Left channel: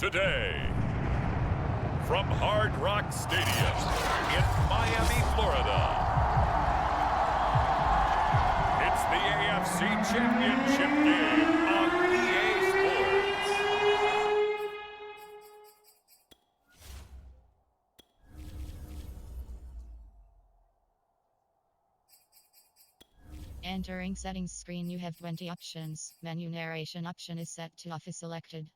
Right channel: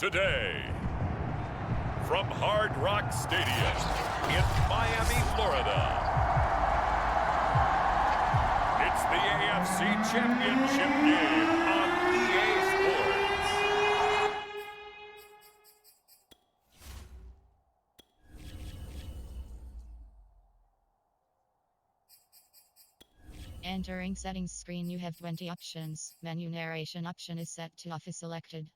Today, from Hard Rock Stadium in Miami, Florida, it's the AFC Championship game on EA Sports. Entering settings screen, you have 20 options. Menu narration option is set to off is selected.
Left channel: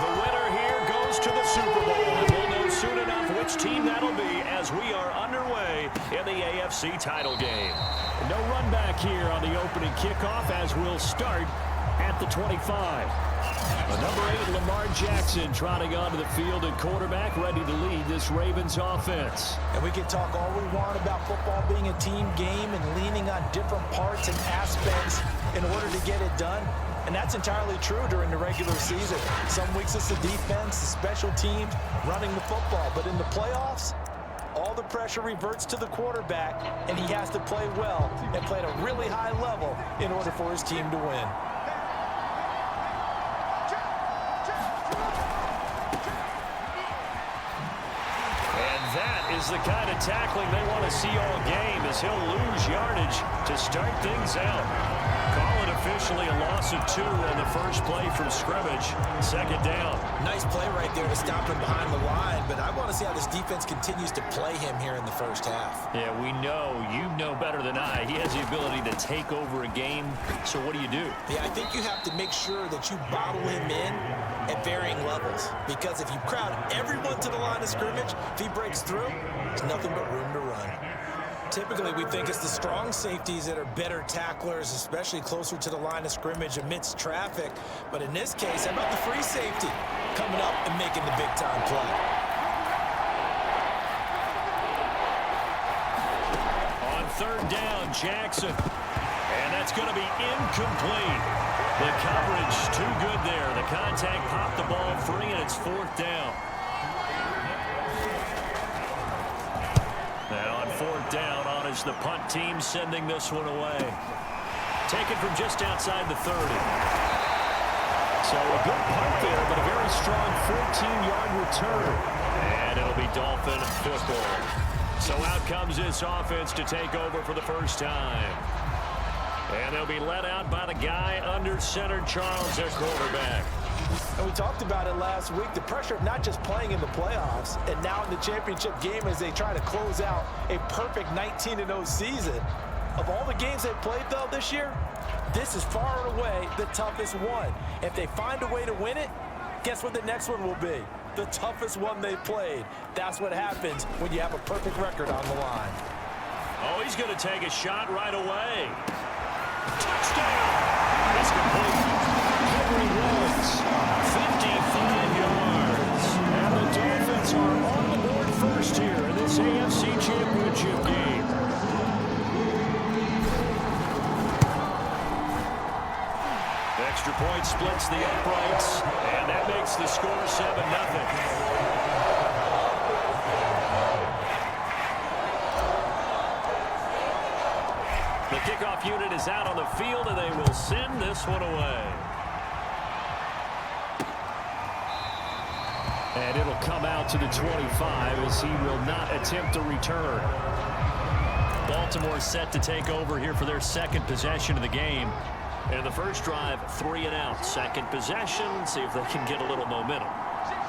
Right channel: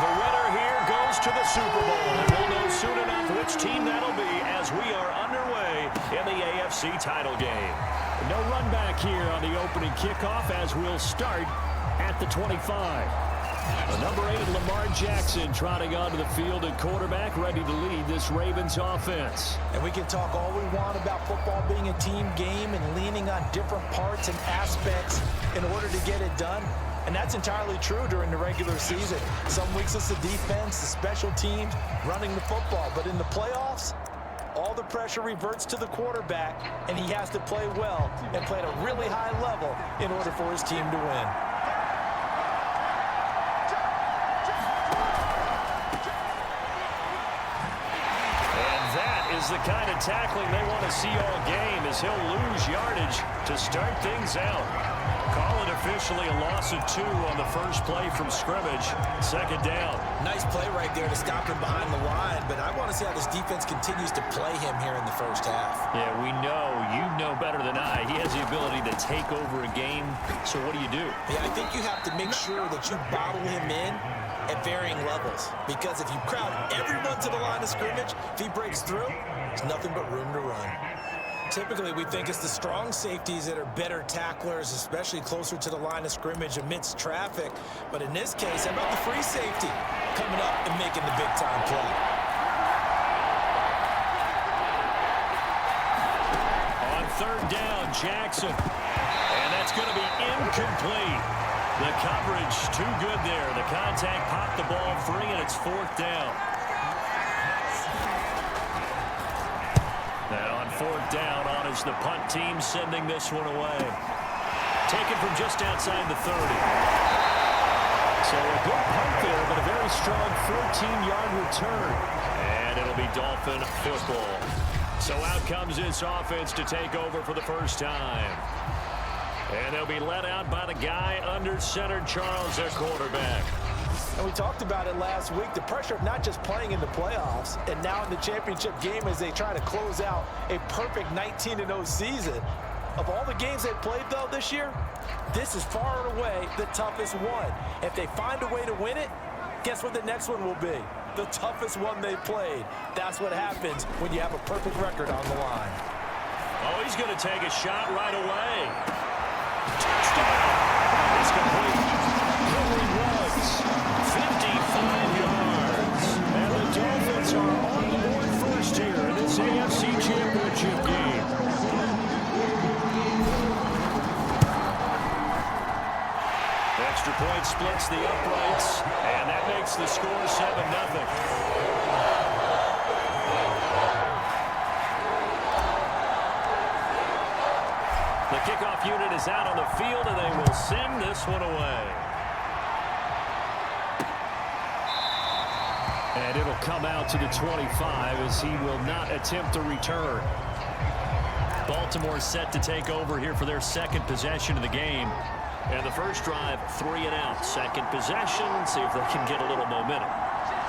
The winner here goes to the Super Bowl, and we'll know soon enough which team that'll be as we are underway in the AFC title game. No run back here on the opening kickoff as we'll start at the 25. Number 8, Lamar Jackson, trotting onto the field at quarterback, ready to lead this Ravens offense. And we can talk all we want about football being a team game and leaning on different parts and aspects in order to get it done. And that's entirely true during the regular season. Some weeks it's the defense, the special teams, running the football. But in the playoffs, all the pressure reverts to the quarterback, and he has to play well and play at a really high level in order for his team to win. And that is the kind of tackling they want to see all game, as he'll lose yardage to start things out. Call it officially a loss of 2 on the first play from scrimmage. Second down. Nice play right there to stop him behind the line, but I want to see how this defense continues to play him here in the first half. Yeah, we know, you know better than I, he has the ability to take over a game. So what do? Yeah, I think you have to make sure that you bottle him in at varying levels, because if you crowd everyone to the line of scrimmage, if he breaks through, there's nothing but room to run. Typically, we think it's the strong safeties that are better tacklers, especially closer to the line of scrimmage amidst traffic. But in this case, how about the free safety coming up and making the big-time play? On third down, Jackson. And that's going to be incomplete. The coverage too good there. The contact popped the ball free, and it's fourth down. And on fourth down, on is the punt team, sending this one away. Taken from just outside the 30. So a good punt there, but a very strong 14-yard return. And it'll be Dolphin football. So out comes this offense to take over for the first time. And they'll be led out by the guy under center, Charles, their quarterback. And we talked about it last week, the pressure of not just playing in the playoffs and now in the championship game as they try to close out a perfect 19-0 season. Of all the games they played, though, this year, this is far and away the toughest one. If they find a way to win it, guess what the next one will be? The toughest one they played. That's what happens when you have a perfect record on the line. Oh, he's going to take a shot right away. Touchdown! It's complete. Henry Ruggs, 55 yards. And the Dolphins are on the board first here in this AFC Championship game. Extra point splits the uprights, and that makes the score 7-0. The kickoff unit is out on the field, and they will send this one away. And it'll come out to the 25 as he will not attempt a return. Baltimore set to take over here for their second possession of the game. And the first drive, 3 and out. Second possession, see if they can get a little momentum.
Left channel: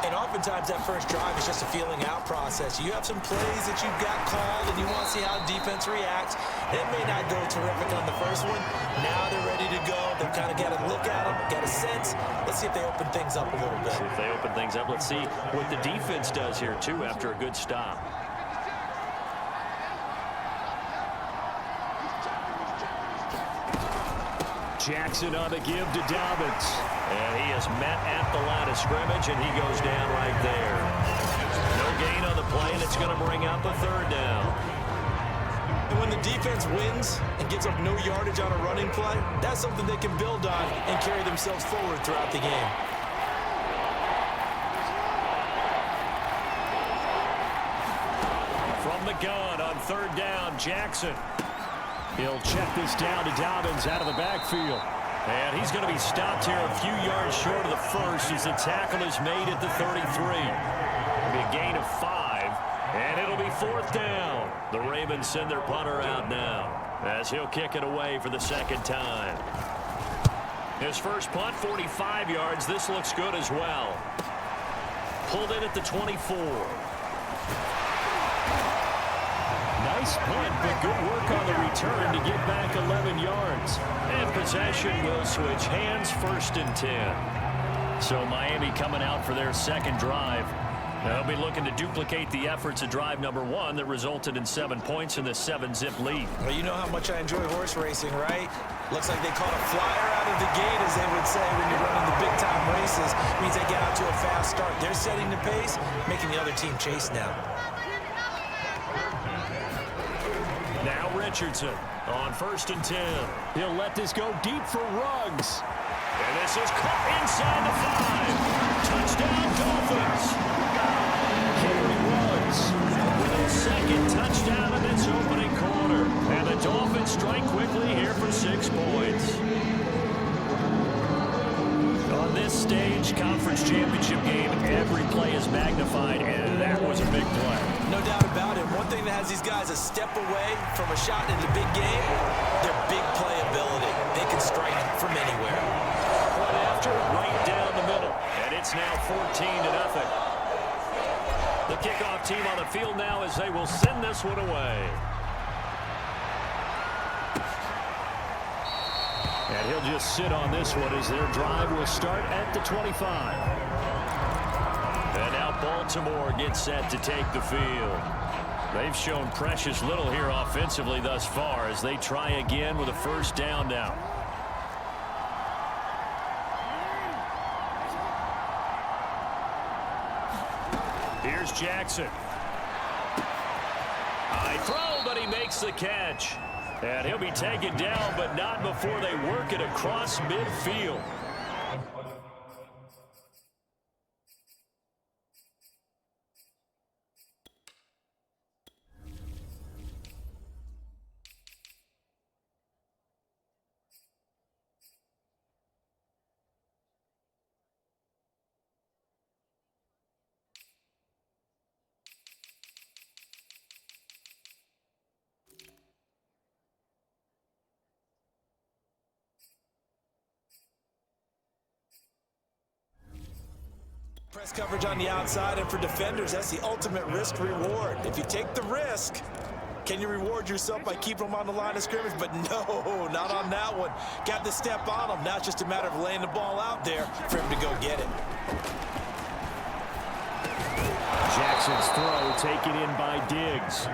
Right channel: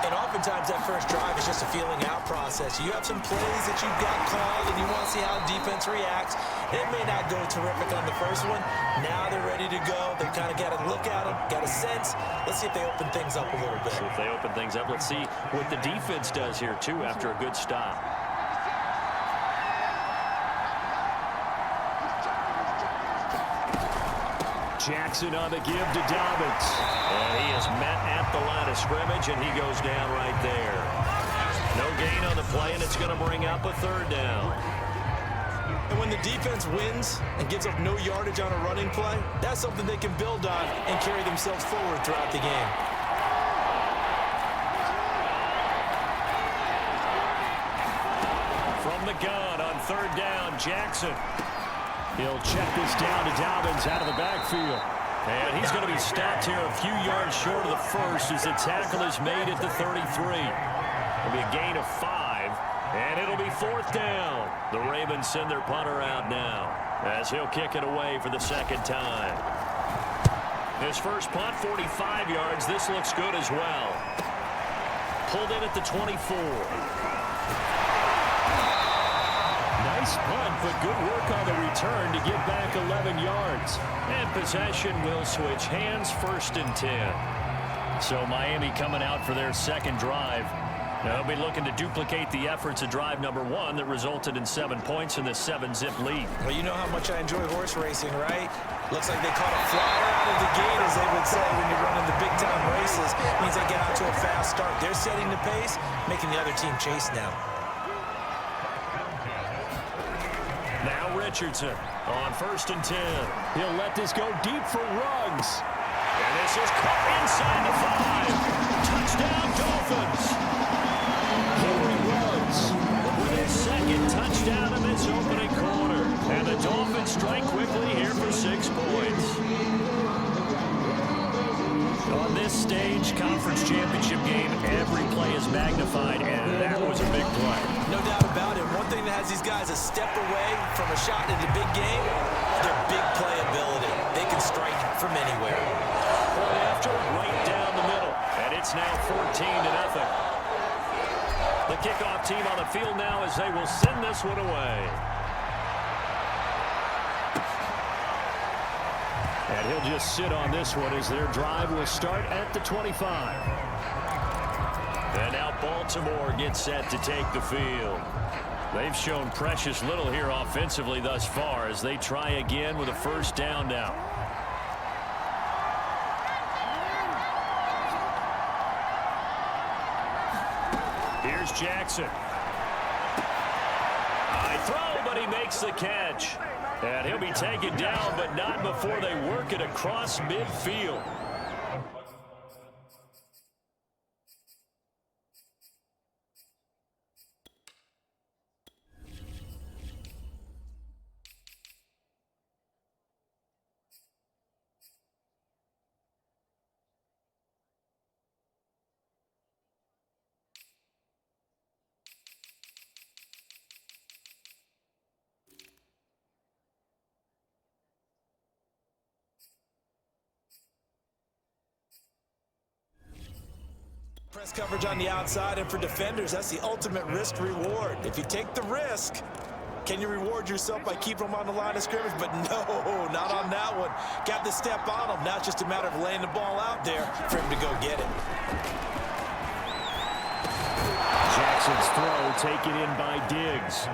And oftentimes that first drive is just a feeling out process. You have some plays that you've got called and you want to see how defense reacts. It may not go terrific on the first one. Now they're ready to go. They've kind of got to look at them, got a sense. Let's see if they open things up a little bit. See if they open things up. Let's see what the defense does here, too, after a good stop. Jackson on the give to Dobbins. And he is met at the line of scrimmage, and he goes down right there. No gain on the play, and it's going to bring up a third down. And when the defense wins and gives up no yardage on a running play, that's something they can build on and carry themselves forward throughout the game. From the the gun on third down. Jackson. He'll check this down to Dobbins out of the backfield. And he's going to be stopped here a few yards short of the first as the tackle is made at the 33. It'll be a gain of 5, and it'll be fourth down. The Ravens send their punter out now as he'll kick it away for the second time. His first punt, 45 yards. This looks good as well. Pulled in at the 24. Nice punt, but good work on the return to get back 11 yards. And possession will switch hands, first and 10. So Miami coming out for their second drive. They'll be looking to duplicate the efforts of drive number 1 that resulted in 7 points in the 7-zip lead. Well, you know how much I enjoy horse racing, right? Looks like they caught a flyer out of the gate, as they would say when you're running the big-time races. Means they get out to a fast start. They're setting the pace, making the other team chase now. Now Richardson on first and 10. He'll let this go deep for Ruggs. And this is caught inside the 5. Touchdown, Dolphins. Henry Ruggs with his second touchdown in this opening quarter. And the Dolphins strike quickly here for 6 points. On this stage, conference championship game, every play is magnified, and that was a big play. No doubt about it. One thing that has these guys a step away from a shot in the big game, their big playability. They can strike from anywhere. Point after, right down the middle, and it's now 14-0. The kickoff team on the field now as they will send this one away. And he'll just sit on this one as their drive will start at the 25. And now Baltimore gets set to take the field. They've shown precious little here offensively thus far as they try again with a first down now. Here's Jackson. High throw, but he makes the catch. And he'll be taken down, but not before they work it across midfield. Press coverage on the outside, and for defenders, that's the ultimate risk reward. If you take the risk, can you reward yourself by keeping them on the line of scrimmage? But no, not on that one. Got the step on them. Now it's just a matter of laying the ball out there for him to go get it. Jackson's throw taken in by Diggs.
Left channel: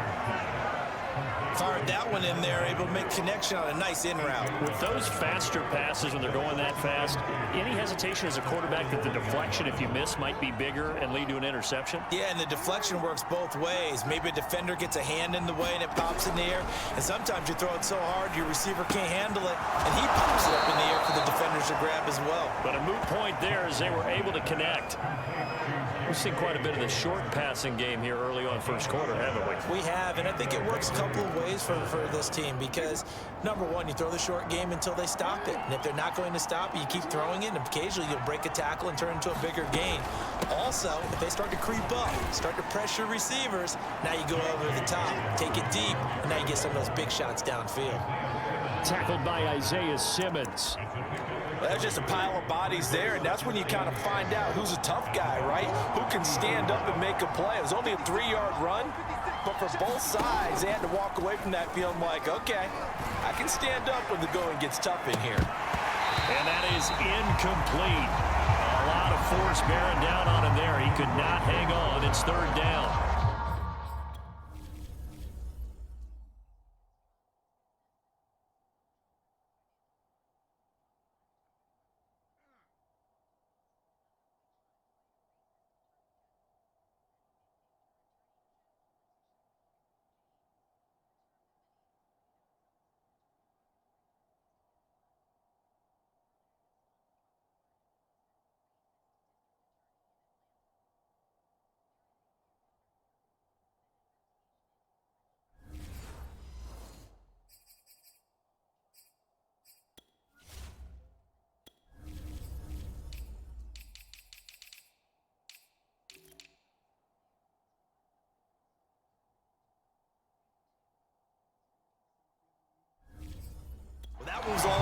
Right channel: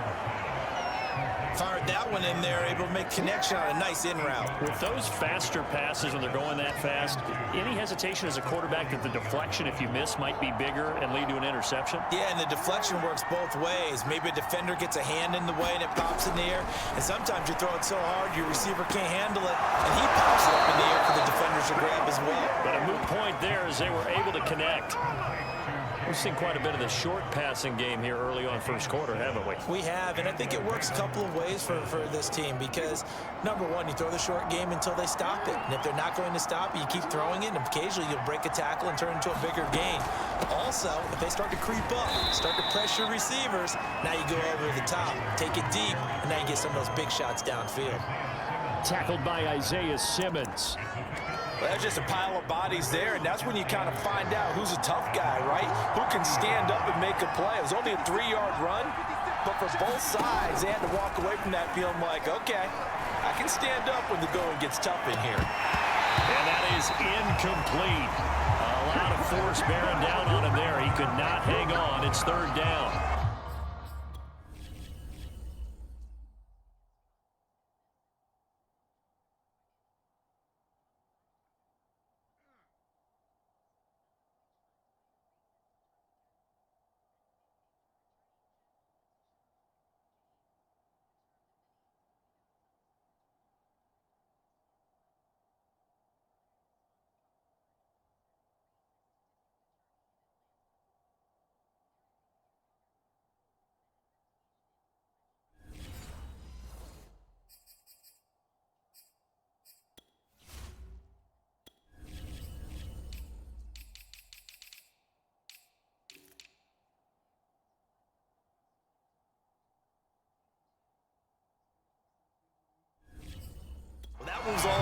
Fired that one in there, able to make connection on a nice in route. With those faster passes when they're going that fast, any hesitation as a quarterback that the deflection, if you miss, might be bigger and lead to an interception? Yeah, and the deflection works both ways. Maybe a defender gets a hand in the way and it pops in the air. And sometimes you throw it so hard your receiver can't handle it, and he pops it up in the air for the defenders to grab as well. But a moot point there as they were able to connect. We've seen quite a bit of the short passing game here early on first quarter, haven't we? We have, and I think it works a couple of ways for this team because, number one, you throw the short game until they stop it. And if they're not going to stop it, you keep throwing it, and occasionally you'll break a tackle and turn into a bigger gain. Also, if they start to creep up, start to pressure receivers, now you go over the top, take it deep, and now you get some of those big shots downfield. Tackled by Isaiah Simmons. Well, that's just a pile of bodies there, and that's when you kind of find out who's a tough guy, right? Who can stand up and make a play. It was only a 3-yard run, but for both sides, they had to walk away from that feeling like, okay, I can stand up when the going gets tough in here. And that is incomplete. A lot of force bearing down on him there. He could not hang on. It's third down.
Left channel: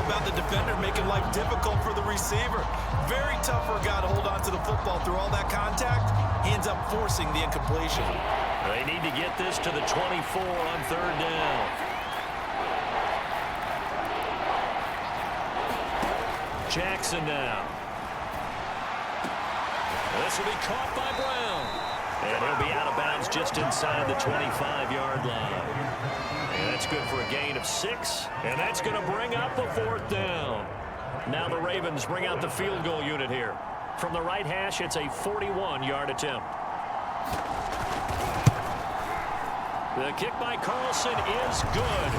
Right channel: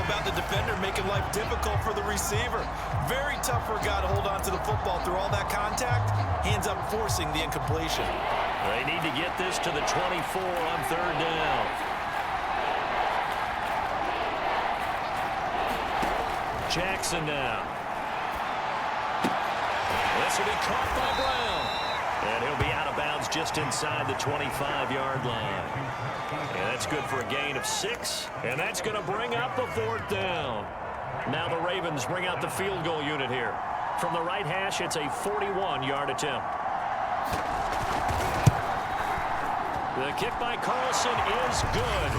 about the defender making life difficult for the receiver. Very tough for a guy to hold on to the football through all that contact. He ends up forcing the incompletion. They need to get this to the 24 on third down. Jackson now. This will be caught by Brown. And he'll be out of bounds just inside the 25-yard line. And that's good for a gain of 6. And that's going to bring up a fourth down. Now the Ravens bring out the field goal unit here. From the right hash, it's a 41-yard attempt. The kick by Carlson is good.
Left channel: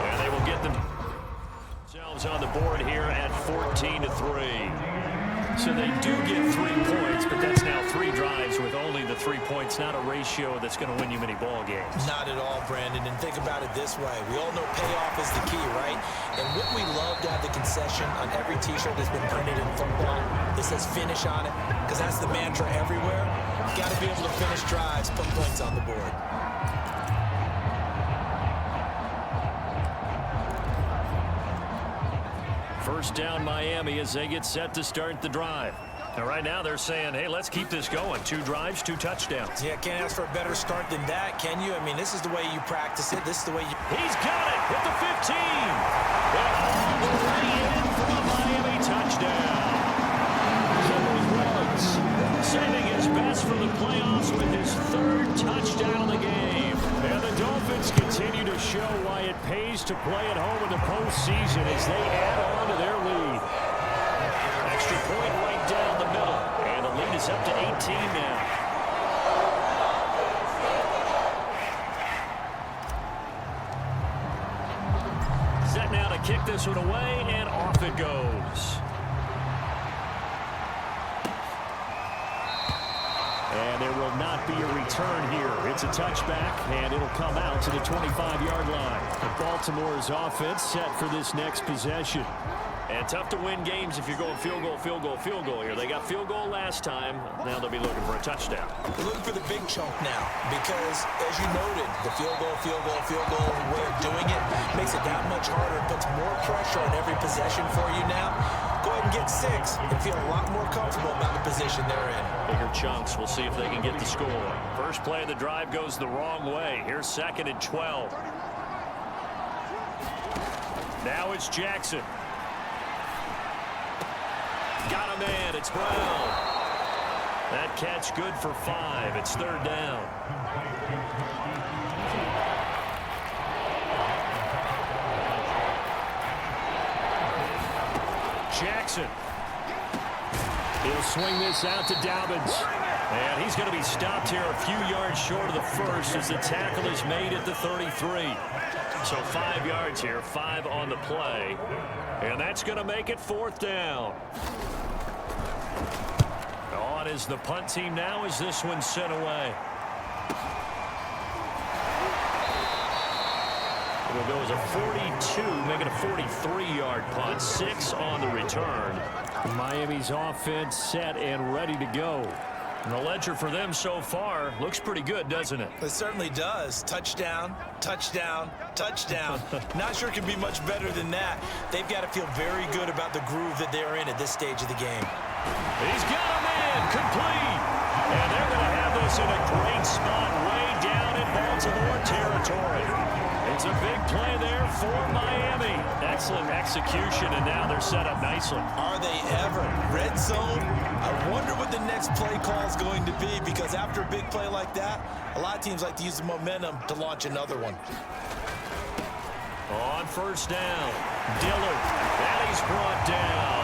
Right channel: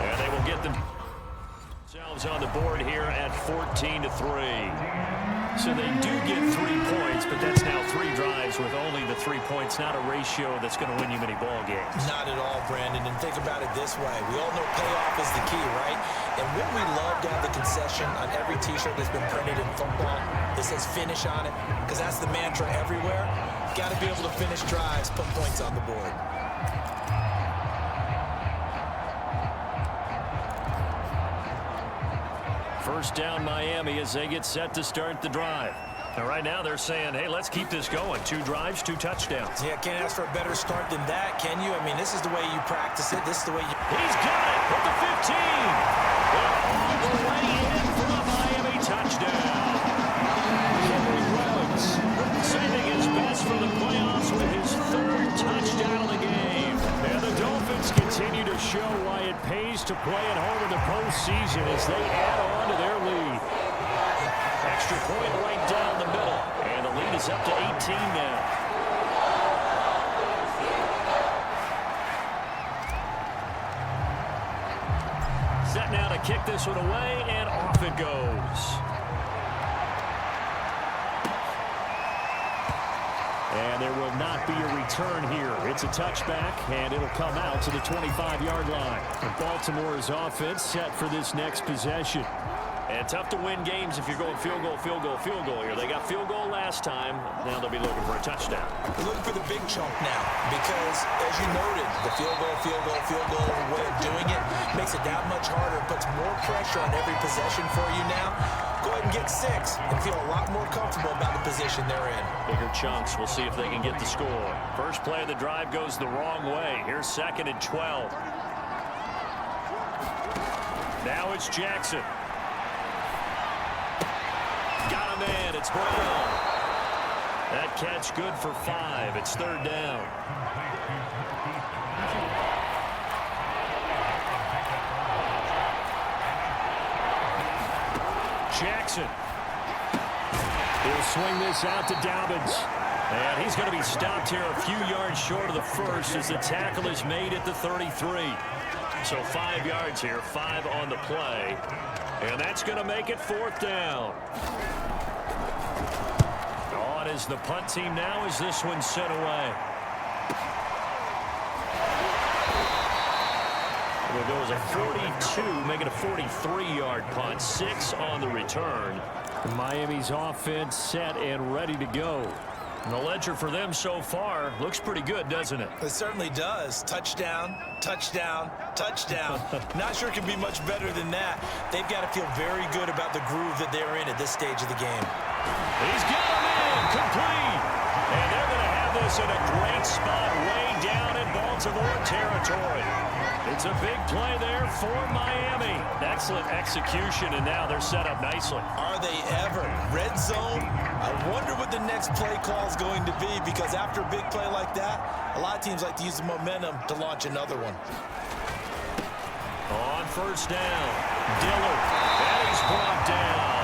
And they will get themselves on the board here at 14-3. So they do get 3 points, but that's now 3 drives with only the 3 points, not a ratio that's going to win you many ball games. Not at all, Brandon. And think about it this way. We all know payoff is the key, right? And wouldn't we love to have the concession on every T-shirt that's been printed in football that says finish on it? Because that's the mantra everywhere. Got to be able to finish drives, put points on the board. First down Miami as they get set to start the drive. And right now they're saying, hey, let's keep this going. 2 drives, 2 touchdowns. Yeah, can't ask for a better start than that, can you? I mean, this is the way you practice it. This is the way you... He's got it at the 15. And all the way in for a Miami touchdown. Henry Ruggs saving his best for the playoffs with his 3rd touchdown of the game. And the Dolphins continue to show why it pays to play at home in the postseason as they add on to their lead. Extra point right down the middle. And the lead is up to 18 now. Set now to kick this one away, and off it goes. And there will not be a return here. It's a touchback, and it'll come out to the 25-yard line. And Baltimore's offense set for this next possession. And tough to win games if you're going field goal, field goal, field goal here. They got field goal last time. Now they'll be looking for a touchdown. They're looking for the big chunk now because, as you noted, the field goal way of doing it makes it that much harder. It puts more pressure on every possession for you now. Go ahead and get 6 and feel a lot more comfortable about the position they're in. Bigger chunks. We'll see if they can get the score. First play of the drive goes the wrong way. Here's 2nd and 12. Now it's Jackson. Got a man. It's Brown. That catch good for 5. It's 3rd down. Jackson. He'll swing this out to Dobbins. And he's going to be stopped here a few yards short of the first as the tackle is made at the 33. So 5 yards here, 5 on the play. And that's going to make it 4th down. On is the punt team now as this one's sent away. It'll go as a 42, make it a 43-yard punt. 6 on the return. Miami's offense set and ready to go. And the ledger for them so far looks pretty good, doesn't it? It certainly does. Touchdown, touchdown, touchdown. Not sure it can be much better than that. They've got to feel very good about the groove that they're in at this stage of the game. He's got a man, complete. And they're going to have this in a great spot way down in Baltimore territory. It's a big play there for Miami. Excellent execution, and now they're set up nicely. Are they ever? Red zone? I wonder what the next play call is going to be, because after a big play like that, a lot of teams like to use the momentum to launch another one. On first down, Dillard, and he's brought down.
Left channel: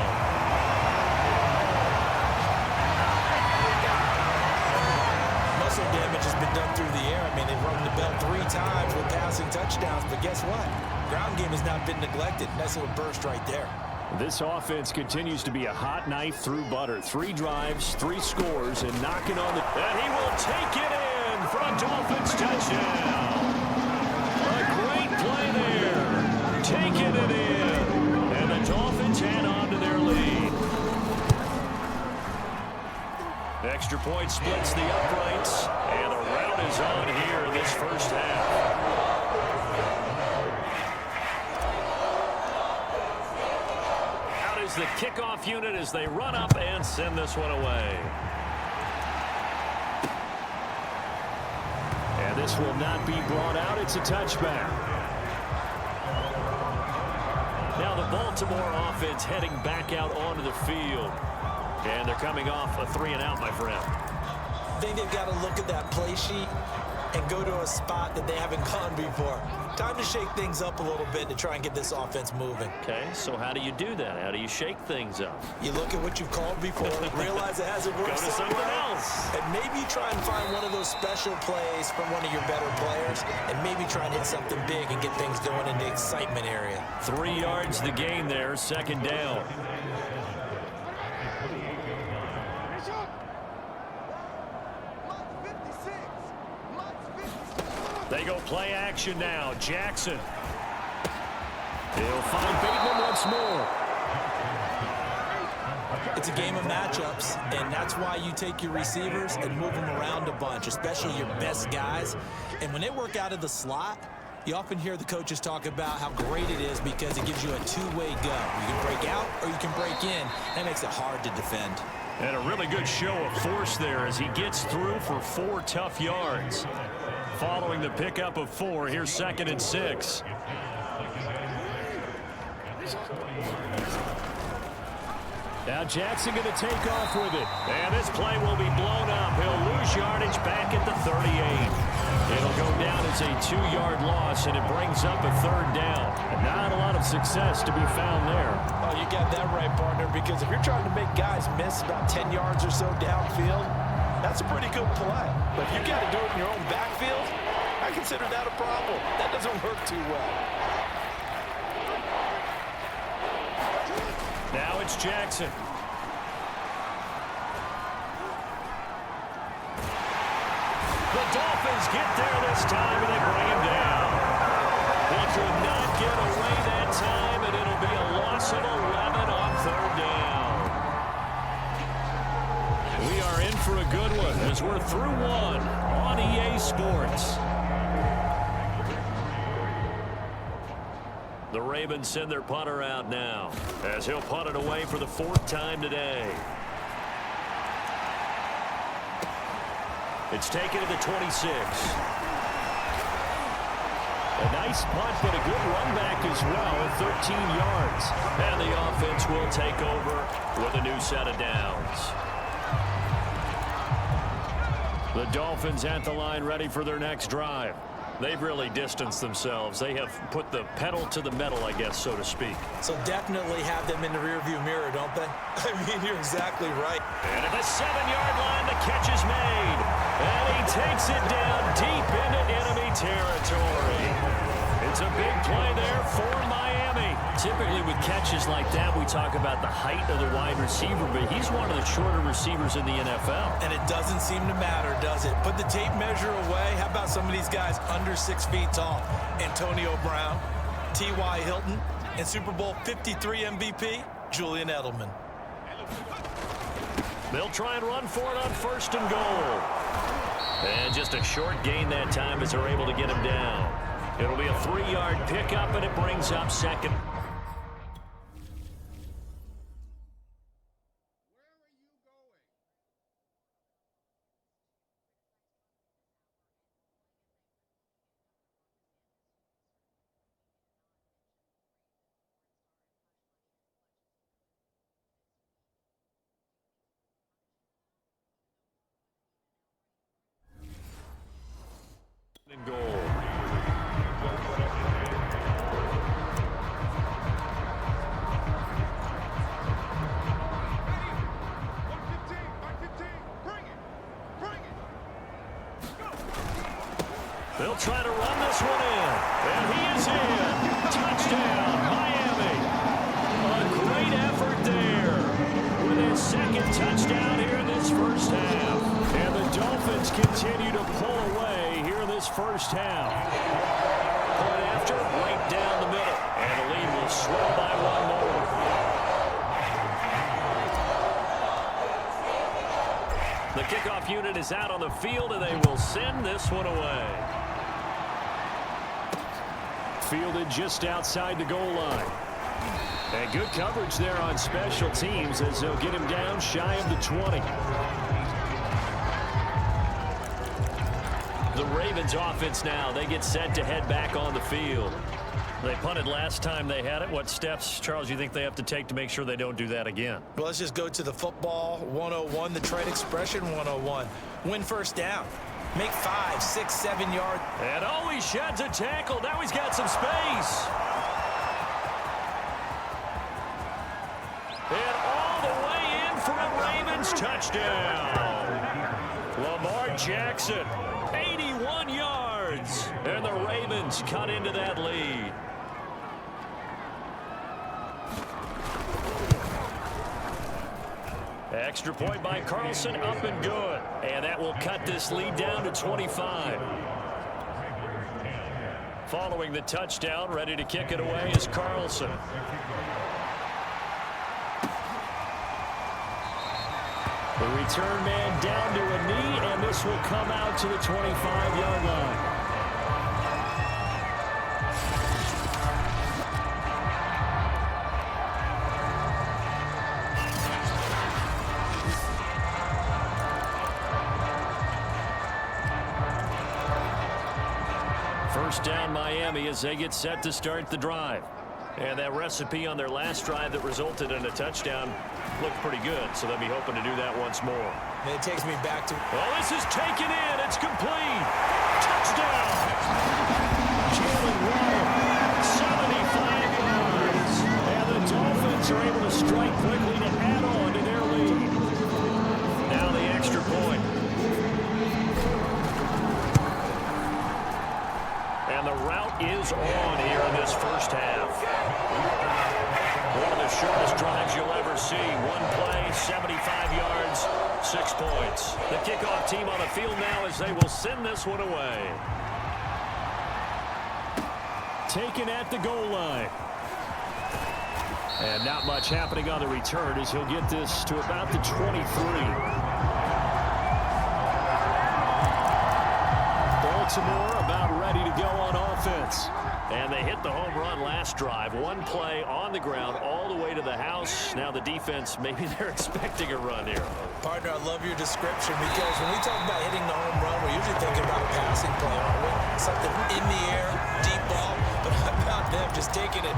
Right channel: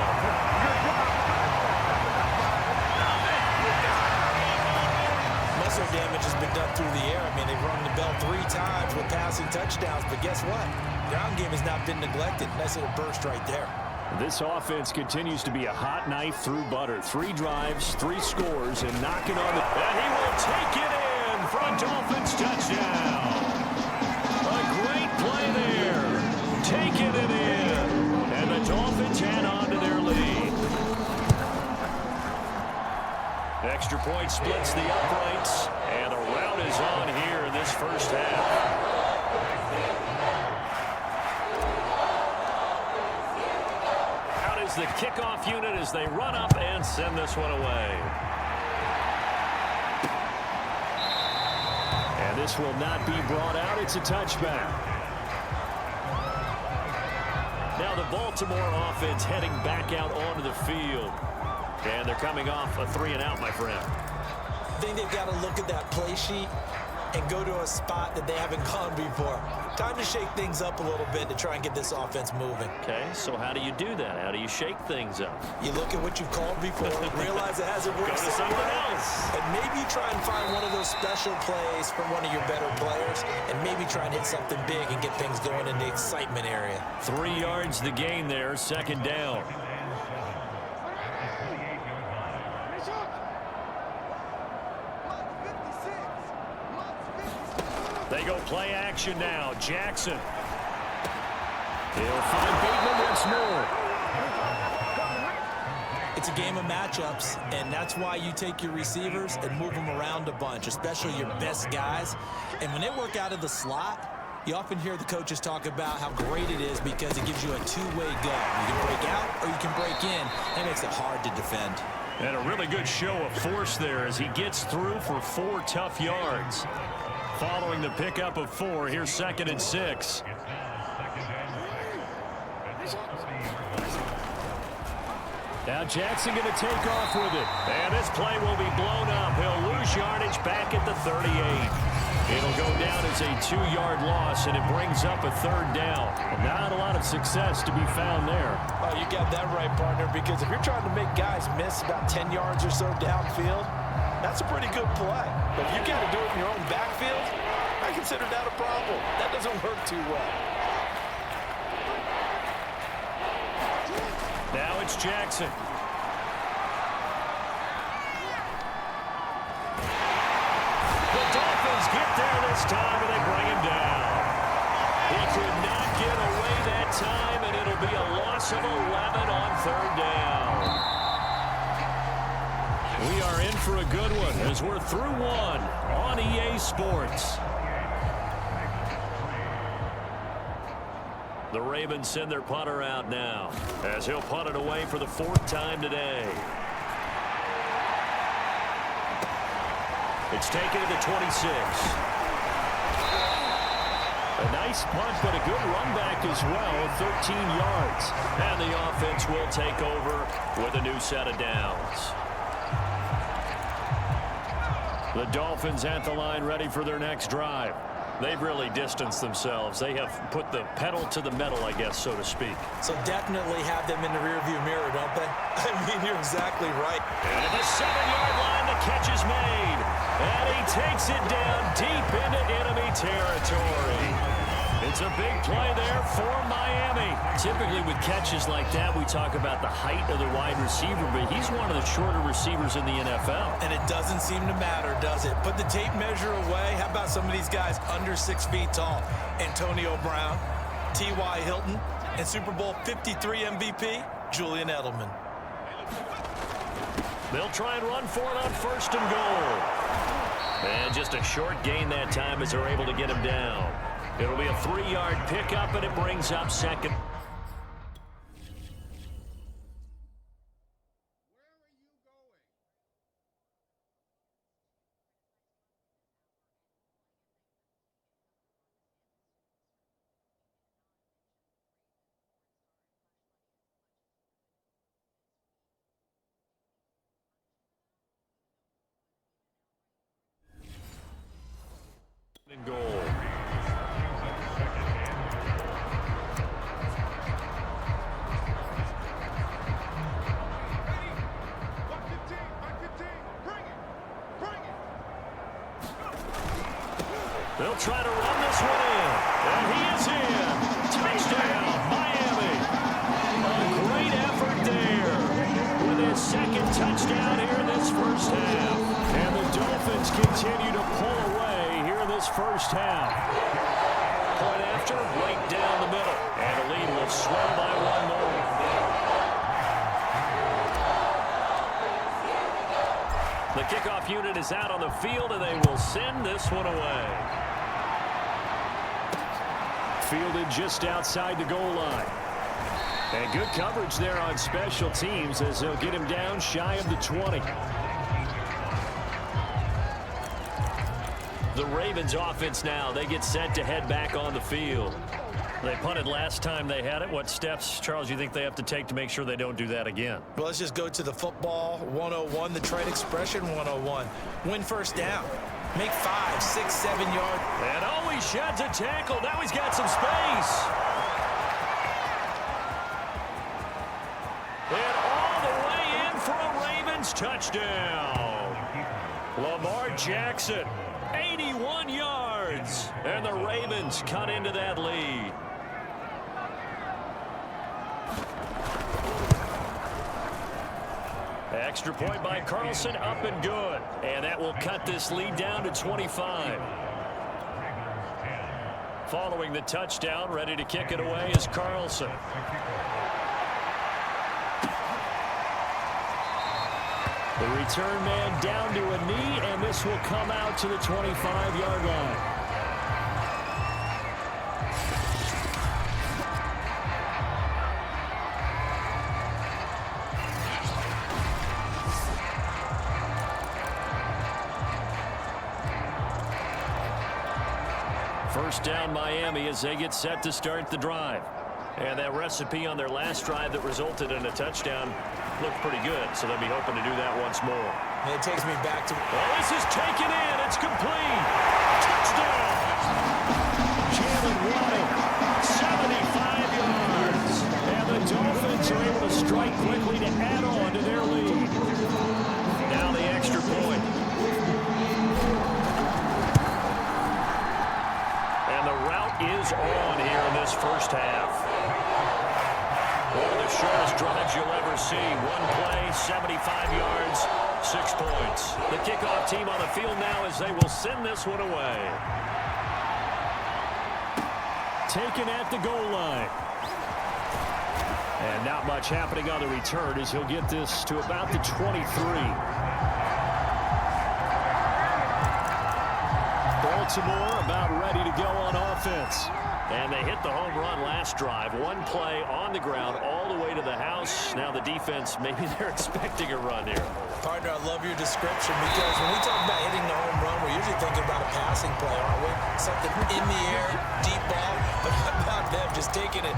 Muscle damage has been done through the air. I mean, they've rung the bell 3 times with passing touchdowns, but guess what? Ground game has not been neglected. Nice little burst right there. This offense continues to be a hot knife through butter. 3 drives, 3 scores, and knocking on the... And he will take it in for a Dolphins touchdown. A great play there. Taking it in. And the Dolphins add on to their lead. Extra point splits the uprights, and the rout is on here in this first half. the kickoff unit as they run up and send this one away. And this will not be brought out. It's a touchback. Now the Baltimore offense heading back out onto the field. And they're coming off a 3-and-out, my friend. I think they've got to look at that play sheet and go to a spot that they haven't gone before. Time to shake things up a little bit to try and get this offense moving. Okay, so how do you do that? How do you shake things up? You look at what you've called before, realize it hasn't worked Go to so something well, else. and maybe try and find one of those special plays from one of your better players, and maybe try and hit something big and get things going in the excitement area. 3 yards the gain there, second down. They go play action now. Jackson. He'll find Bateman once more. It's a game of matchups, and that's why you take your receivers and move them around a bunch, especially your best guys. And when they work out of the slot, you often hear the coaches talk about how great it is because it gives you a two-way go. You can break out or you can break in. That makes it hard to defend. And a really good show of force there as he gets through for 4 tough yards. Following the pickup of 4, here's 2nd and 6. Now Jackson going to take off with it. And this play will be blown up. He'll lose yardage back at the 38. It'll go down as a 2-yard loss, and it brings up a 3rd down. And not a lot of success to be found there. Oh, you got that right, partner, because if you're trying to make guys miss about 10 yards or so downfield, that's a pretty good play. But if you got to do it in your own backfield, I consider that a problem. That doesn't work too well. Now it's Jackson. The Dolphins get there this time, and they bring him down. He could not get away that time, and it'll be a loss of 11 on 3rd down. We are in for a good one as we're through 1 on EA Sports. The Ravens send their punter out now as he'll punt it away for the 4th time today. It's taken to the 26. A nice punt, but a good run back as well, 13 yards. And the offense will take over with a new set of downs. The Dolphins at the line ready for their next drive. They've really distanced themselves. They have put the pedal to the metal, I guess, so to speak. So definitely have them in the rearview mirror, don't they? I mean, you're exactly right. And at the 7-yard line, the catch is made. And he takes it down deep into enemy territory. It's a big play there for Miami. Typically with catches like that, we talk about the height of the wide receiver, but he's one of the shorter receivers in the NFL. And it doesn't seem to matter, does it? Put the tape measure away. How about some of these guys under 6 feet tall? Antonio Brown, T.Y. Hilton, and Super Bowl 53 MVP, Julian Edelman. They'll try and run for it on 1st and goal. And just a short gain that time as they're able to get him down. It'll be a 3-yard pickup, and it brings up 2nd. And goal. They'll try to run this one in. And he is in. Touchdown, Miami. A great effort there with his 2nd touchdown here in this 1st half. And the Dolphins continue to pull away here in this 1st half. Point after, right down the middle. And the lead will swell by 1 more. The kickoff unit is out on the field, and they will send this one away. Fielded just outside the goal line. And good coverage there on special teams as they'll get him down shy of the 20. The Ravens offense now, they get set to head back on the field. They punted last time they had it. What steps, Charles, you think they have to take to make sure they don't do that again? Well, let's just go to the football 101, the trade expression 101. Win first down. Make 5, 6, 7 yards. And oh, he sheds a tackle. Now he's got some space. And all the way in for a Ravens touchdown. Lamar Jackson, 81 yards. And the Ravens cut into that lead. Extra point by Carlson, up and good. And that will cut this lead down to 25. Following the touchdown, ready to kick it away is Carlson. The return man down to a knee, and this will come out to the 25-yard line. First down Miami as they get set to start the drive. And that recipe on their last drive that resulted in a touchdown looked pretty good, so they'll be hoping to do that once more. And it takes me back to... Oh, this is taken in. It's complete. Touchdown. Jalen Waddle, 75 yards. And the Dolphins are able to strike quickly to add on to their lead. Now the extra point. And the route is on here in this first half. One of the shortest drives you'll ever see. One play, 75 yards, 6 points. The kickoff team on the field now as they will send this one away. Taken at the goal line. And not much happening on the return as he'll get this to about the 23. Baltimore about ready to go on offense. And they hit the home run last drive. One play on the ground all the way to the house. Now the defense, maybe they're expecting a run here. Partner, I love your description because when we talk about hitting the home run, we're usually thinking about a passing play, aren't we? Something in the air, deep ball. But how about them just taking it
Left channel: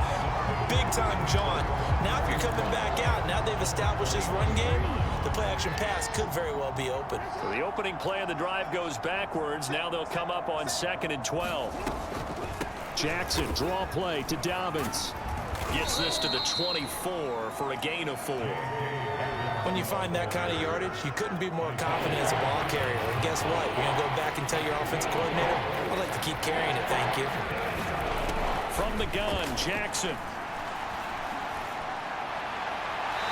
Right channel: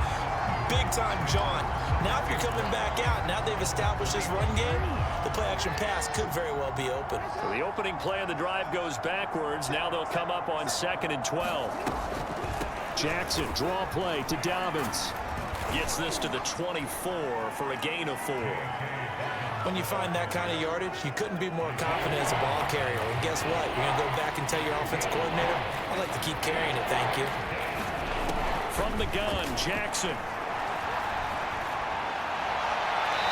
big-time jaunt? Now if you're coming back out, now they've established this run game, the play-action pass could very well be open. So the opening play of the drive goes backwards. Now they'll come up on 2nd and 12. Jackson, draw play to Dobbins. Gets this to the 24 for a gain of 4. When you find that kind of yardage, you couldn't be more confident as a ball carrier. And guess what? You're going to go back and tell your offensive coordinator, I'd like to keep carrying it, thank you. From the gun, Jackson.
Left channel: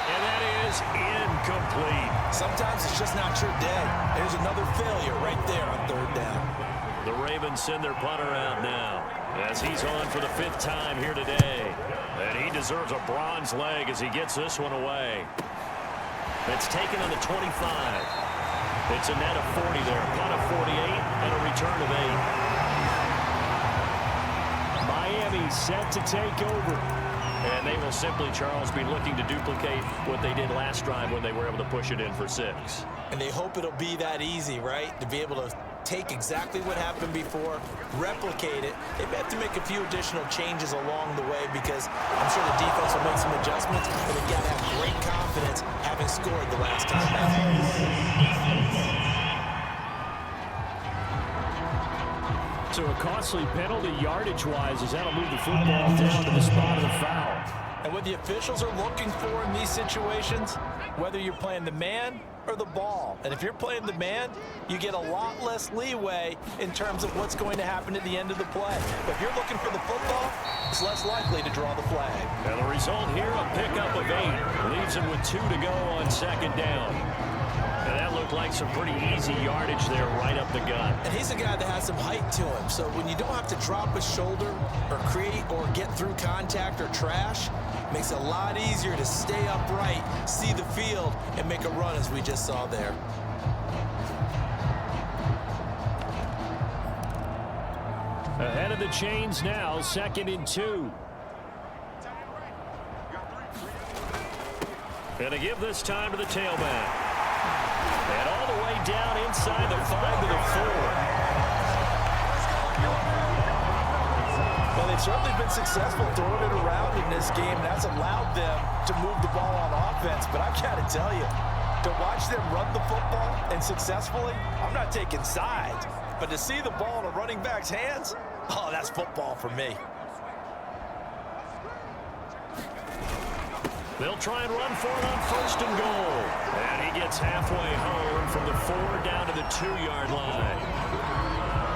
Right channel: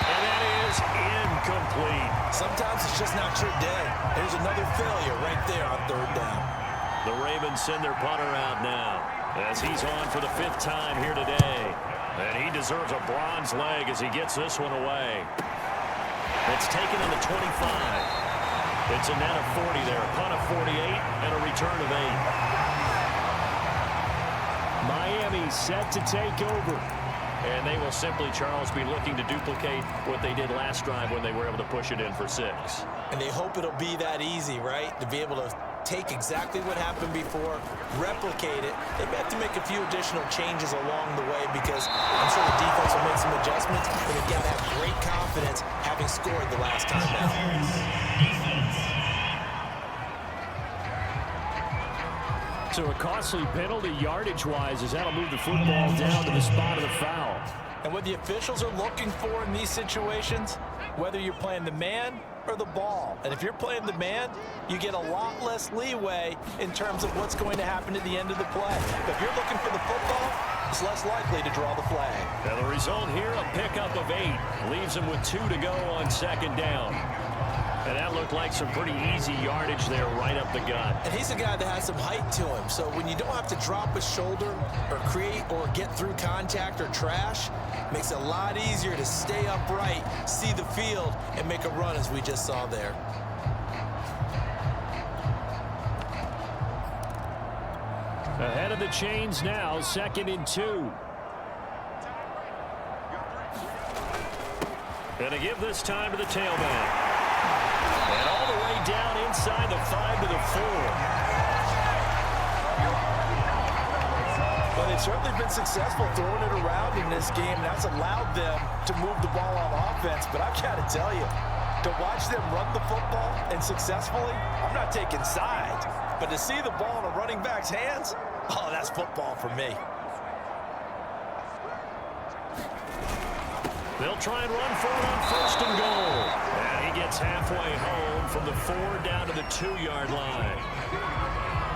And that is incomplete. Sometimes it's just not your day. There's another failure right there on 3rd down. The Ravens send their punter out now as he's on for the 5th time here today. And he deserves a bronze leg as he gets this one away. It's taken on the 25. It's a net of 40 there. A punt of 48 and a return of 8. Miami set to take over. And they will simply, Charles, be looking to duplicate what they did last drive when they were able to push it in for 6. And they hope it'll be that easy, right? To be able to take exactly what happened before, replicate it. They may have to make a few additional changes along the way because I'm sure the defense will make some adjustments, but they've got to have great confidence having scored the last time out. So a costly penalty yardage-wise as that'll move the football down to the spot of the foul. And what the officials are looking for in these situations, whether you're playing the man or the ball. And if you're playing the man, you get a lot less leeway in terms of what's going to happen at the end of the play. But if you're looking for the football, it's less likely to draw the flag. And the result here, a pickup of 8. Leaves him with 2 to go on 2nd down. And that looked like some pretty easy yardage there right up the gut. And he's a guy that has some height to him. So when you don't have to drop a shoulder or create or get through contact or trash, it makes it a lot easier to stay upright, see the field, and make a run as we just saw there. Ahead of the chains now, 2nd and 2. Going to give this time to the tailback. And all the way down inside the 5 to the 4. Well, they've certainly been successful throwing it around in this game, and that's allowed them to move the ball on offense. But I've got to tell you, to watch them run the football and successfully, I'm not taking sides. But to see the ball in a running back's hands, oh, that's football for me. They'll try and run for it on 1st and goal. And he gets halfway home from the 4 down to the 2-yard line.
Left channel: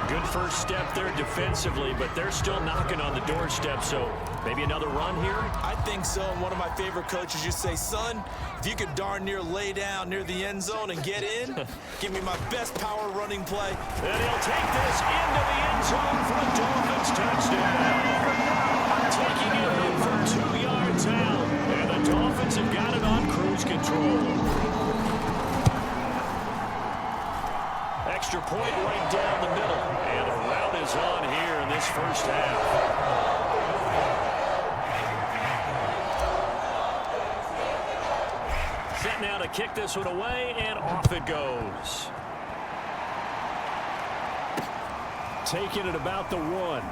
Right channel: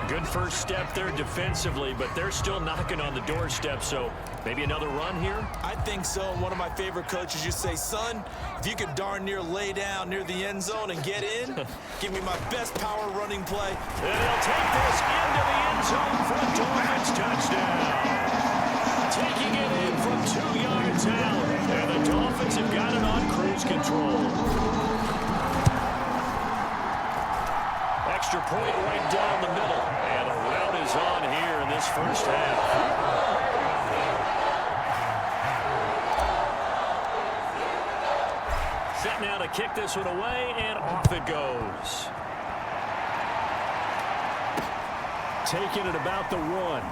Good first step there defensively, but they're still knocking on the doorstep, so maybe another run here? I think so. And one of my favorite coaches used to say, son, if you could darn near lay down near the end zone and get in, give me my best power running play. And he'll take this into the end zone for a Dolphins touchdown. Taking it in from 2 yards out. And the Dolphins have got it on cruise control. Extra point right down the middle. And the route is on here in this first half. Set now to kick this one away, and off it goes. Taking it about the 1.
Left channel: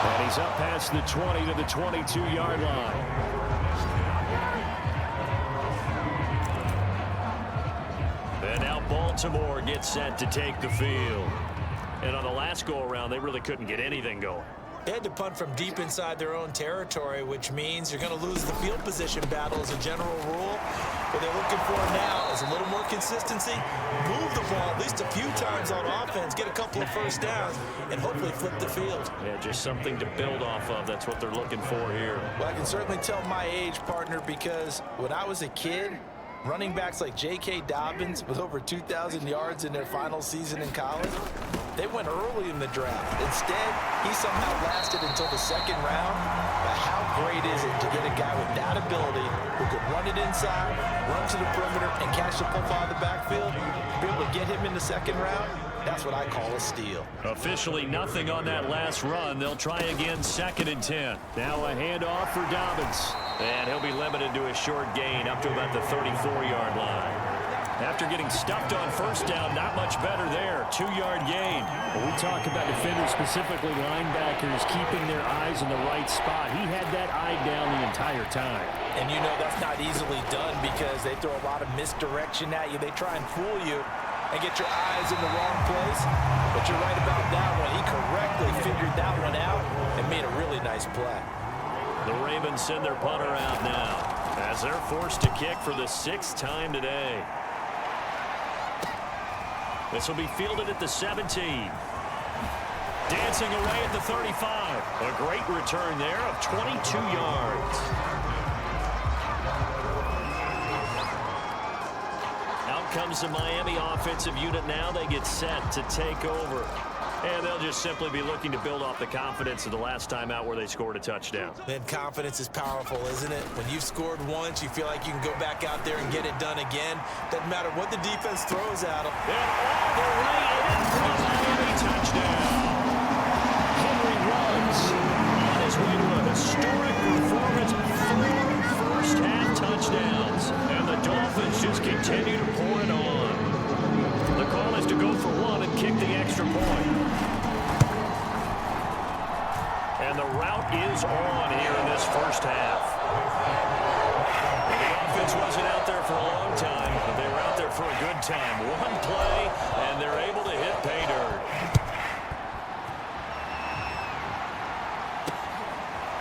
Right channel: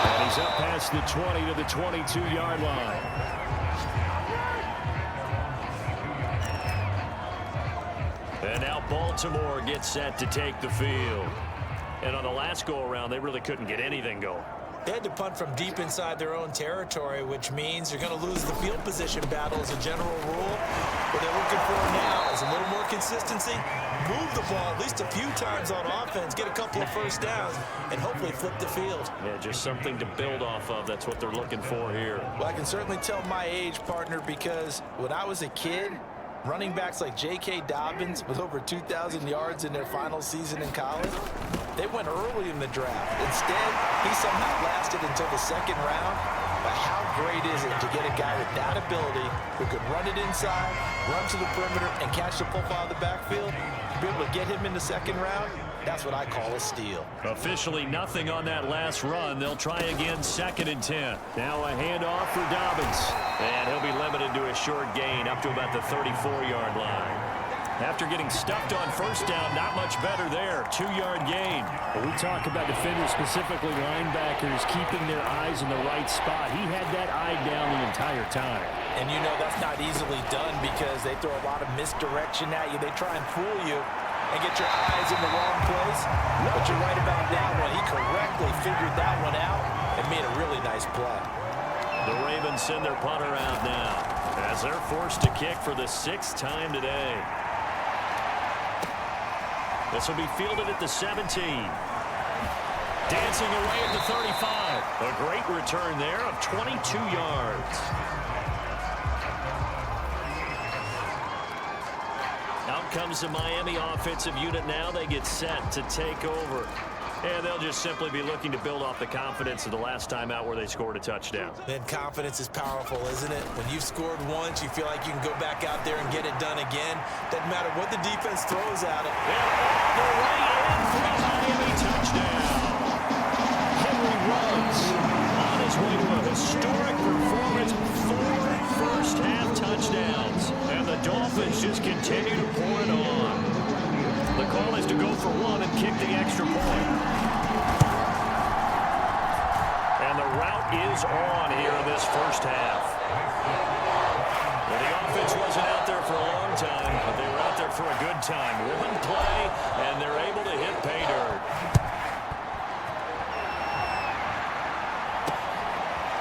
And he's up past the 20 to the 22-yard line. And now Baltimore gets set to take the field. And on the last go-around, they really couldn't get anything going. They had to punt from deep inside their own territory, which means you're going to lose the field position battle as a general rule. What they're looking for now is a little more consistency, move the ball at least a few times on offense, get a couple of first downs, and hopefully flip the field. Yeah, just something to build off of. That's what they're looking for here. Well, I can certainly tell my age, partner, because when I was a kid, running backs like J.K. Dobbins with over 2,000 yards in their final season in college, they went early in the draft. Instead, he somehow lasted until the 2nd round. But how great is it to get a guy with that ability who can run it inside, run to the perimeter, and catch the football out of the backfield? To be able to get him in the 2nd round, that's what I call a steal. Officially nothing on that last run. They'll try again 2nd and 10. Now a handoff for Dobbins. And he'll be limited to a short gain up to about the 34-yard line. After getting stuffed on 1st down, not much better there. 2-yard gain. When we talk about defenders, specifically linebackers, keeping their eyes in the right spot, he had that eye down the entire time. And you know that's not easily done because they throw a lot of misdirection at you. They try and fool you and get your eyes in the wrong place. But you're right about that one. He correctly figured that one out and made a really nice play. The Ravens send their punter out now as they're forced to kick for the 6th time today. This will be fielded at the 17. Dancing away at the 35. A great return there of 22 yards. Out comes the Miami offensive unit now. They get set to take over. And they'll just simply be looking to build off the confidence of the last time out where they scored a touchdown. Then confidence is powerful, isn't it? When you've scored once, you feel like you can go back out there and get it done again. Doesn't matter what the defense throws at them. And all the way in for a Miami touchdown. Henry runs on his way to a historic performance. 4 first-half touchdowns. And the Dolphins just continue to pour it on. The call is to go for 1 and kick the extra point. And the route is on here in this first half. Well, the offense wasn't out there for a long time, but they were out there for a good time. 1 play, and they're able to hit pay dirt.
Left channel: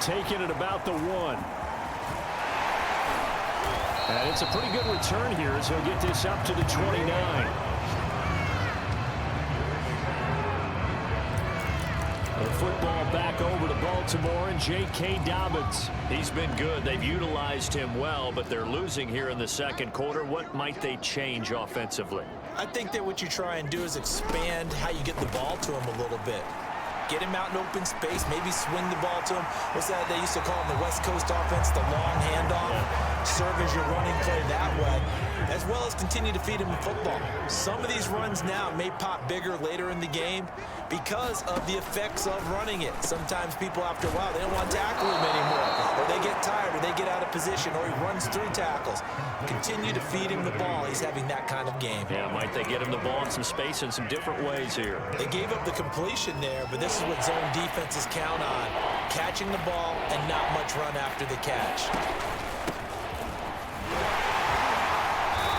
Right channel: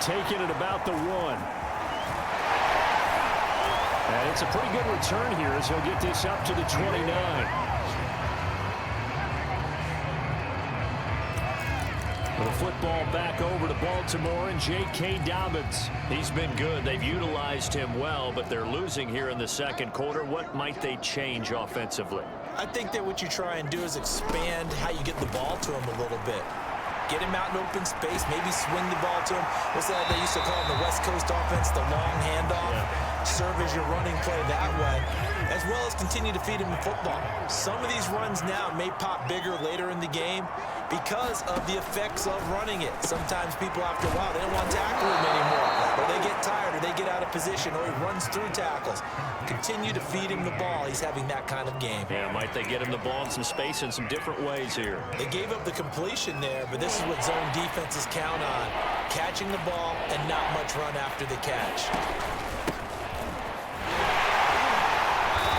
Taking it about the 1. And it's a pretty good return here as he'll get this up to the 29. The football back over to Baltimore and J.K. Dobbins. He's been good. They've utilized him well, but they're losing here in the 2nd quarter. What might they change offensively? I think that what you try and do is expand how you get the ball to him a little bit. Get him out in open space, maybe swing the ball to him. What's that they used to call in the West Coast offense, the long handoff? Yeah. serve as your running play that way, as well as continue to feed him the football. Some of these runs now may pop bigger later in the game because of the effects of running it. Sometimes people, after a while, they don't want to tackle him anymore, or they get tired, or they get out of position, or he runs through tackles. Continue to feed him the ball. He's having that kind of game. Yeah, might they get him the ball in some space in some different ways here. They gave up the completion there, but this is what zone defenses count on. Catching the ball and not much run after the catch.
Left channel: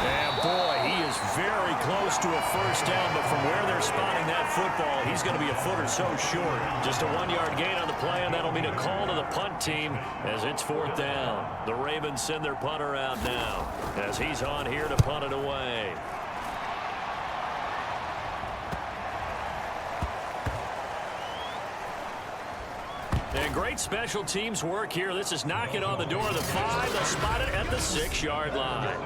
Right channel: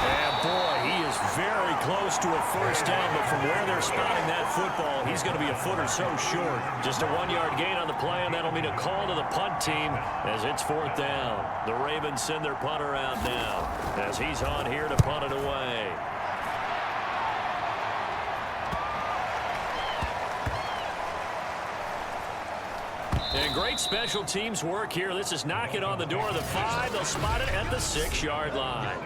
And boy, he is very close to a first down, but from where they're spotting that football, he's going to be a foot or so short. Just a 1-yard gain on the play, and that'll mean a call to the punt team as it's 4th down. The Ravens send their punter out now as he's on here to punt it away. And great special teams work here. This is knocking on the door of the 5. They'll spot it at the 6-yard line.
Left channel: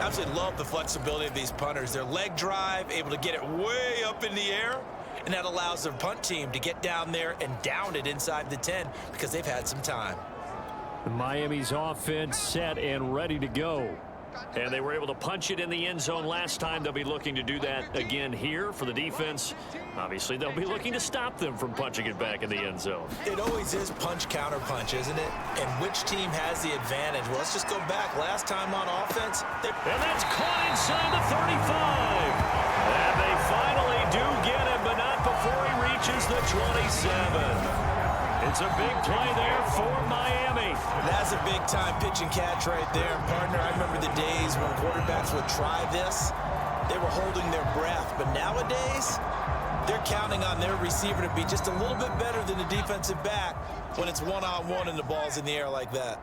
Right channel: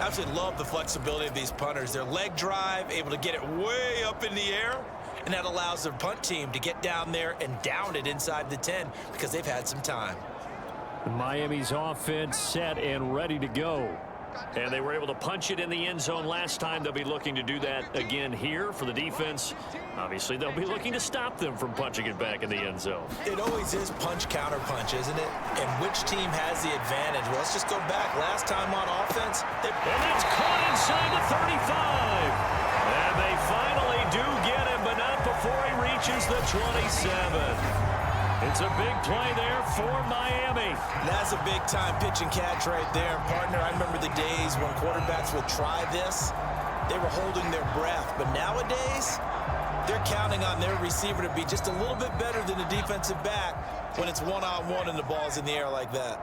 Absolutely love the flexibility of these punters. Their leg drive, able to get it way up in the air, and that allows their punt team to get down there and down it inside the 10 because they've had some time. Miami's offense set and ready to go. And they were able to punch it in the end zone last time. They'll be looking to do that again here for the defense. Obviously, they'll be looking to stop them from punching it back in the end zone. It always is punch, counter punch, isn't it? And which team has the advantage? Well, let's just go back. Last time on offense, and that's caught inside the 35. And they finally do get him, but not before he reaches the 27. It's a big play there for Miami. That's a big-time pitch and catch right there. And, partner, I remember the days when quarterbacks would try this. They were holding their breath. But nowadays, they're counting on their receiver to be just a little bit better than the defensive back when it's one-on-one and the ball's in the air like that.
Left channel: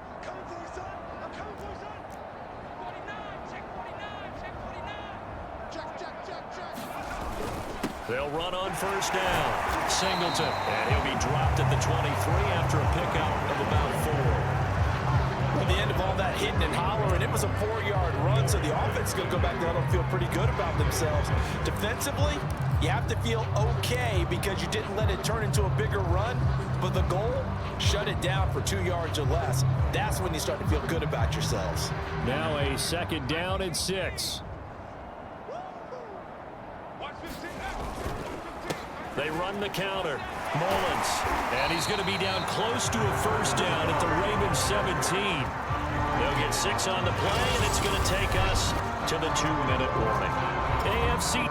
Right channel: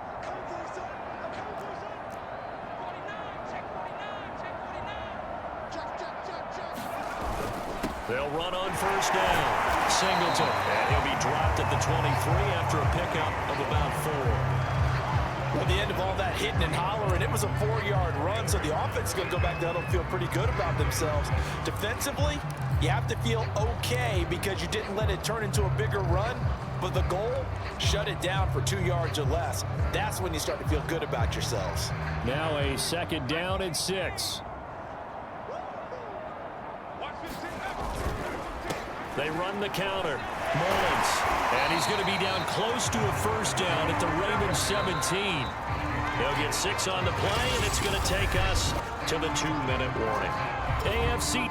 They'll run on first down. Singleton. And he'll be dropped at the 23 after a pickup of about 4. At the end of all that hitting and hollering, it was a 4-yard run, so the offense is going to go back there and feel pretty good about themselves. Defensively, you have to feel okay because you didn't let it turn into a bigger run, but the goal, shut it down for 2 yards or less. That's when you start to feel good about yourselves. Now a 2nd down and 6. They run the counter. Mullins. And he's going to be down close to a first down at the Ravens 17. They'll get 6 on the play, and it's going to take us to the 2-minute warning. AFC.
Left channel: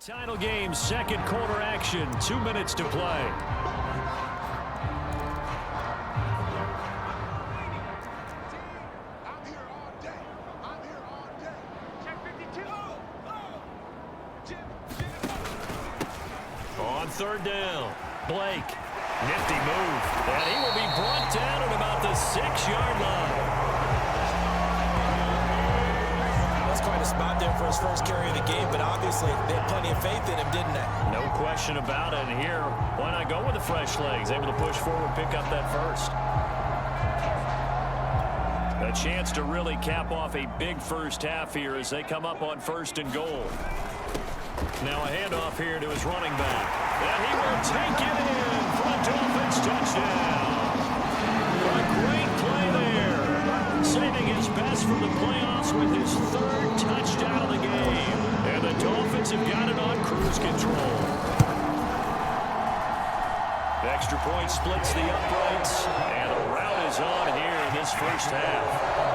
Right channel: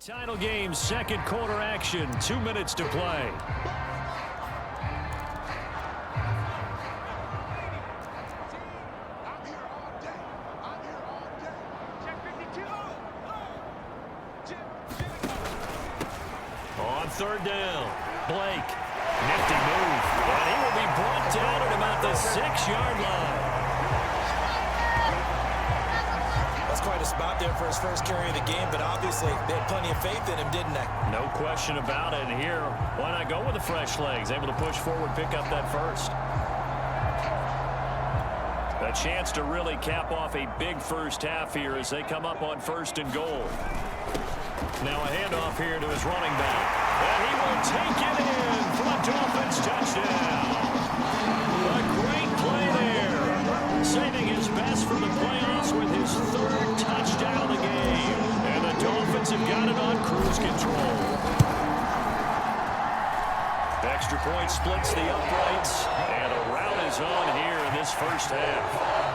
Title game, 2nd quarter action, 2 minutes to play. On 3rd down, Blake, nifty move, and he will be brought down at about the 6-yard line. That's quite a spot there for his first carry of the game, but obviously they had plenty of faith in him, didn't they? No question about it. And here, why not go with the fresh legs? Able to push forward, pick up that first. A chance to really cap off a big first half here as they come up on 1st and goal. Now a handoff here to his running back. And he will take it in for a Dolphins touchdown. A great play there. Saving his best from the playoffs with his 3rd touchdown of the game. And the Dolphins have got it on cruise control. Extra point splits the uprights. And a rout is on here in this first half.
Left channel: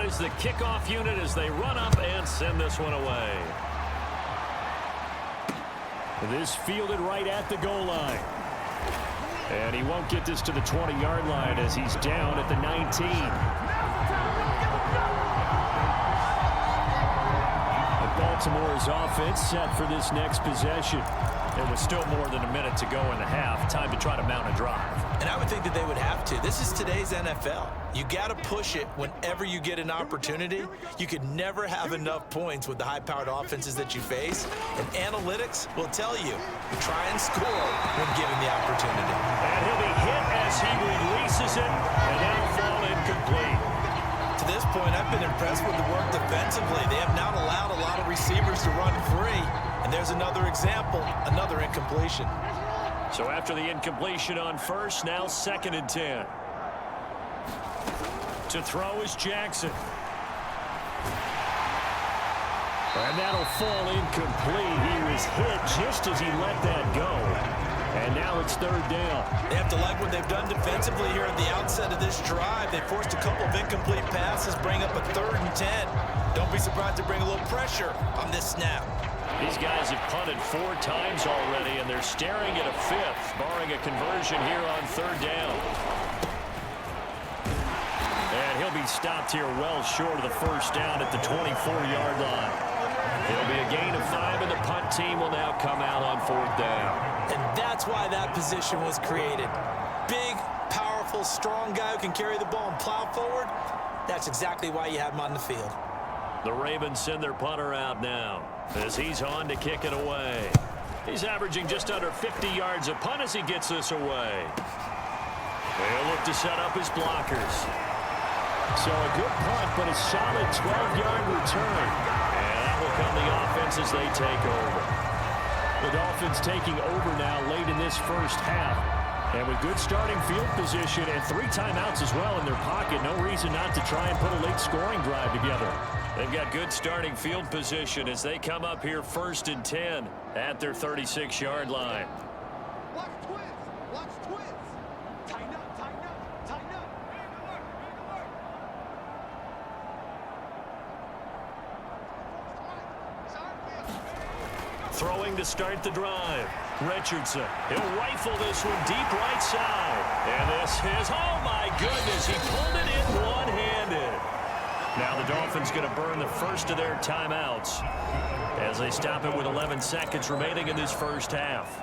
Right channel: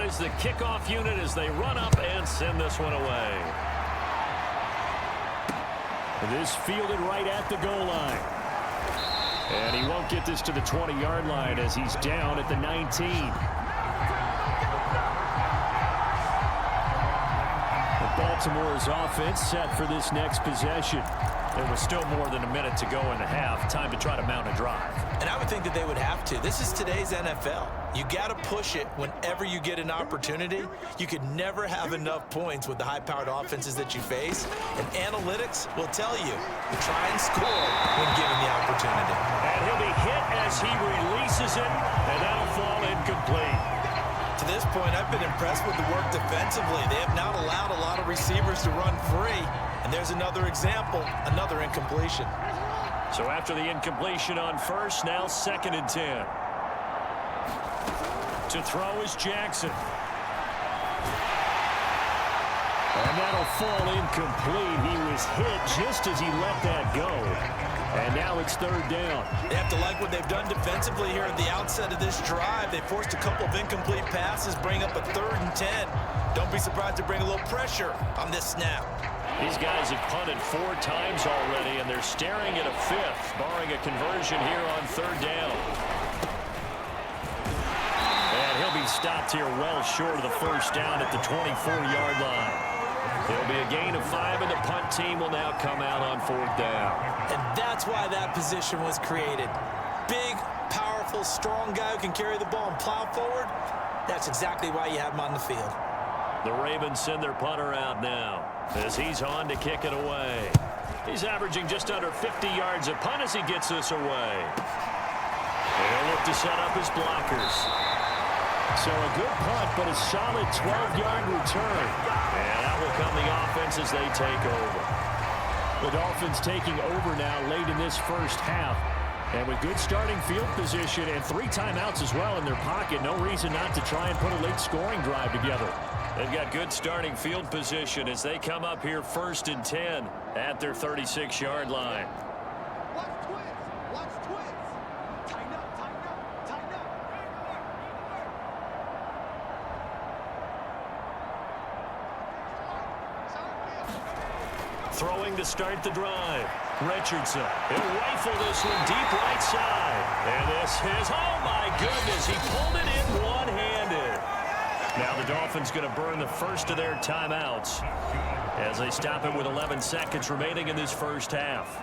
Is the kickoff unit as they run up and send this one away. This fielded right at the goal line. And he won't get this to the 20-yard line as he's down at the 19. The ball Baltimore's offense set for this next possession. It was still more than a minute to go in the half. Time to try to mount a drive. And I would think that they would have to. This is today's NFL. You got to push it whenever you get an opportunity. You could never have enough points with the high-powered offenses that you face. And analytics will tell you, try and score when given the opportunity. And he'll be hit as he releases it, and that'll fall incomplete. To this point, I've been impressed with the work defensively. They have not allowed a lot of receivers to run free. And there's another example, another incompletion. So after the incompletion on first, now 2nd and 10. To throw is Jackson. And that'll fall incomplete. He was hit just as he let that go. And now it's 3rd down. They have to like what they've done defensively here at the outset of this drive. They forced a couple of incomplete passes, bring up a 3rd and 10. Don't be surprised to bring a little pressure on this snap. These guys have punted 4 times already, and they're staring at a 5th, barring a conversion here on 3rd down. And he'll be stopped here well short of the 1st down at the 24-yard line. It'll be a gain of 5, and the punt team will now come out on 4th down. And that's why that position was created. Big, powerful, strong guy who can carry the ball and plow forward. That's exactly why you have him on the field. The Ravens send their punter out now as he's on to kick it away. He's averaging just under 50 yards a punt as he gets this away. They'll look to set up his blockers. So a good punt, but a solid 12-yard return. And that will come the offense as they take over. The Dolphins taking over now late in this first half. And with good starting field position and 3 timeouts as well in their pocket, no reason not to try and put a late scoring drive together. They've got good starting field position as they come up here 1st and 10 at their 36-yard line. Watch twins. Watch twins. Tighten up, tighten up, tighten up. Throwing to start the drive. Richardson. He'll rifle this one deep right side. And this is, oh my goodness, he pulled it in one-handed. Now the Dolphins going to burn the first of their timeouts as they stop it with 11 seconds remaining in this first half.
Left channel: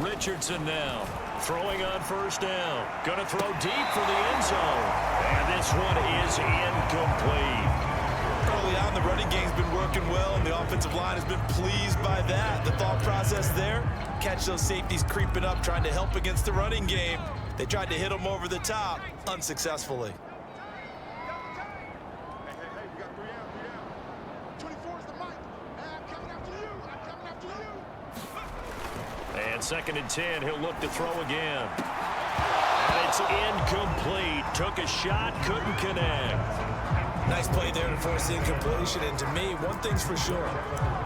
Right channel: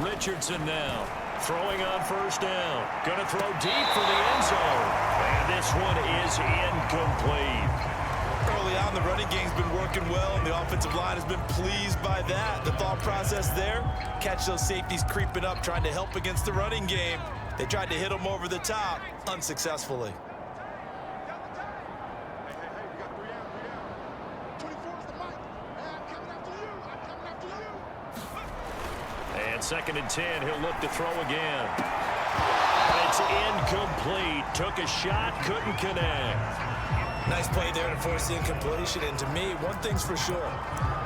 Richardson now throwing on 1st down. Going to throw deep for the end zone. And this one is incomplete. Early on, the running game's been working well, and the offensive line has been pleased by that. The thought process there, catch those safeties creeping up, trying to help against the running game. They tried to hit them over the top, unsuccessfully. And 2nd and 10, he'll look to throw again. And it's incomplete. Took a shot, couldn't connect. Nice play there to force the incompletion. And to me, one thing's for sure.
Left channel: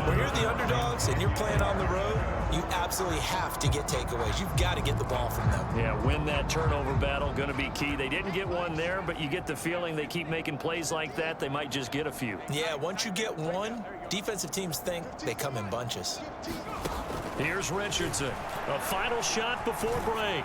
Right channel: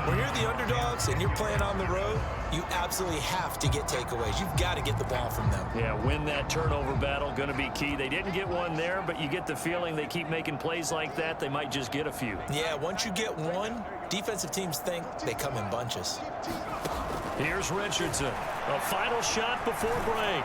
When you're the underdogs and you're playing on the road, you absolutely have to get takeaways. You've got to get the ball from them. Yeah, win that turnover battle, going to be key. They didn't get one there, but you get the feeling they keep making plays like that, they might just get a few. Yeah, once you get one, defensive teams think they come in bunches. Here's Richardson. A final shot before break.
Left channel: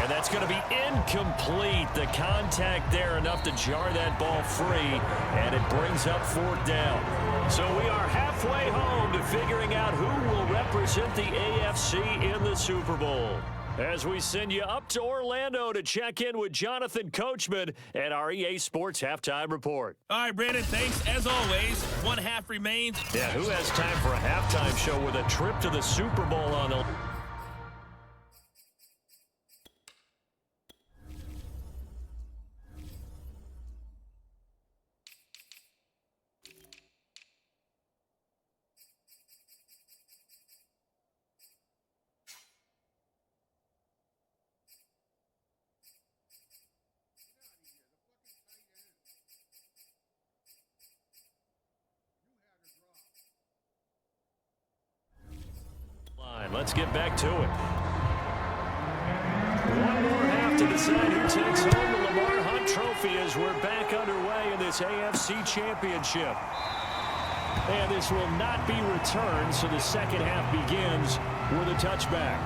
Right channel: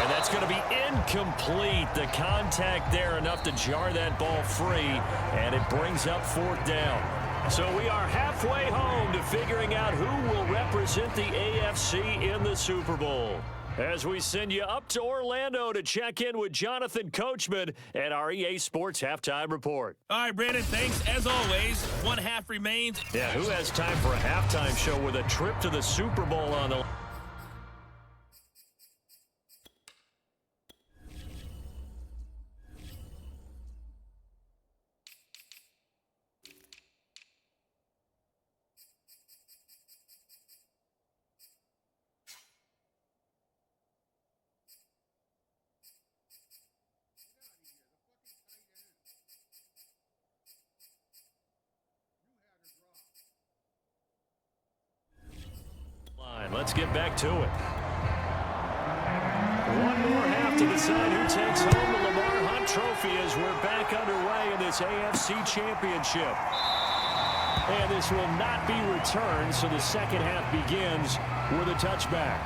And that's going to be incomplete. The contact there enough to jar that ball free, and it brings up 4th down. So we are halfway home to figuring out who will represent the AFC in the Super Bowl. As we send you up to Orlando to check in with Jonathan Coachman at our EA Sports Halftime Report. All right, Brandon, thanks. As always, 1 half remains. Yeah, who has time for a halftime show with a trip to the Super Bowl on the line? Let's get back to it. One more halftime to decide who takes home the Lamar Hunt Trophy as we're back underway in this AFC Championship. And this will not be returned, so the second half begins with a touchback.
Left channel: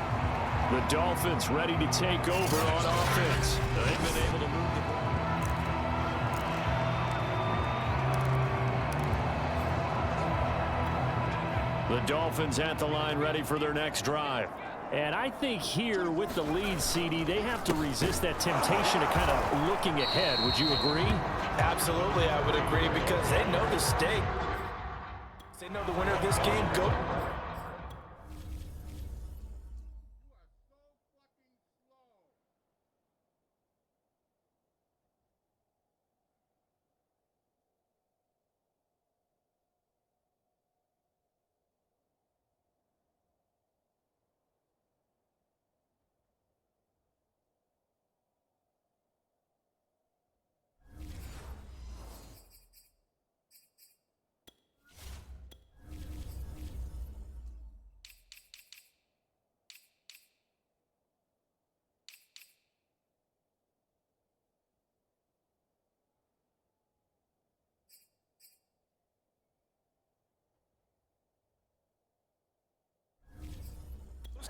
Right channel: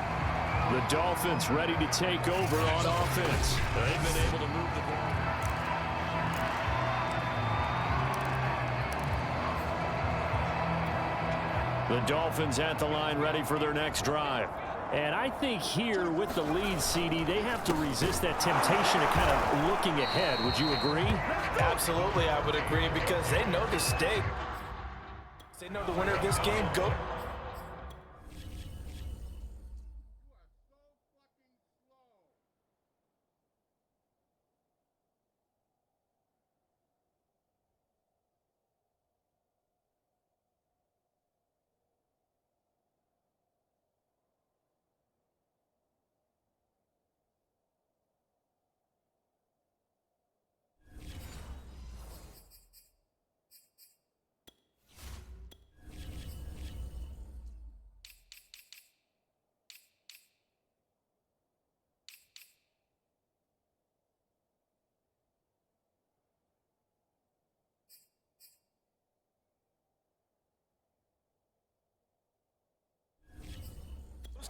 The Dolphins ready to take over on offense. They've been able to move the ball. The Dolphins at the line ready for their next drive. And I think here with the lead, CD, they have to resist that temptation of kind of looking ahead. Would you agree? Absolutely, I would agree, because they know the stake. They know the winner of this game go.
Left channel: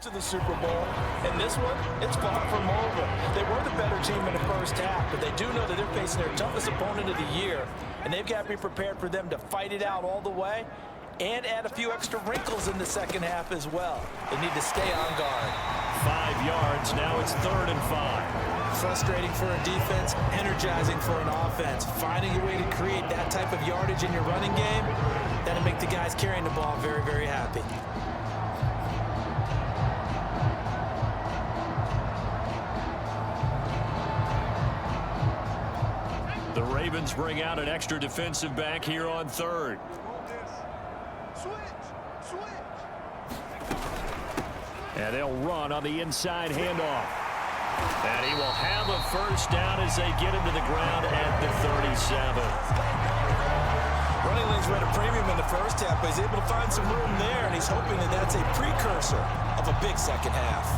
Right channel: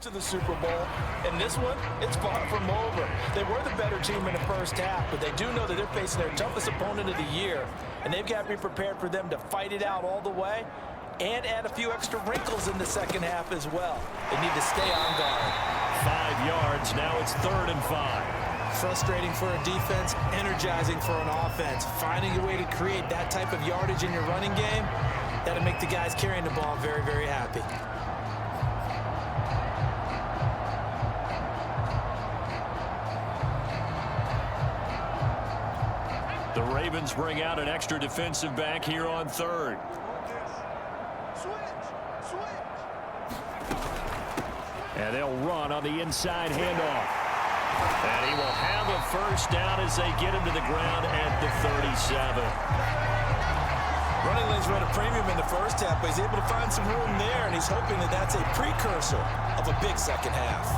To the Super Bowl, and this one, it's far from over. They were the better team in the first half, but they do know that they're facing their toughest opponent of the year, and they've got to be prepared for them to fight it out all the way and add a few extra wrinkles in the second half as well. They need to stay on guard. 5 yards, now it's 3rd and 5. Frustrating for a defense, energizing for an offense. Finding a way to create that type of yardage in your running game, that'll make the guys carrying the ball very, very happy. The Ravens bring out an extra defensive back here on 3rd. And they'll run on the inside handoff. And he will have a first down as they get him to the ground at the 37. Running lanes were at a premium in the first half, but he's able to find some room there, and he's hoping that that's a precursor of a big second half.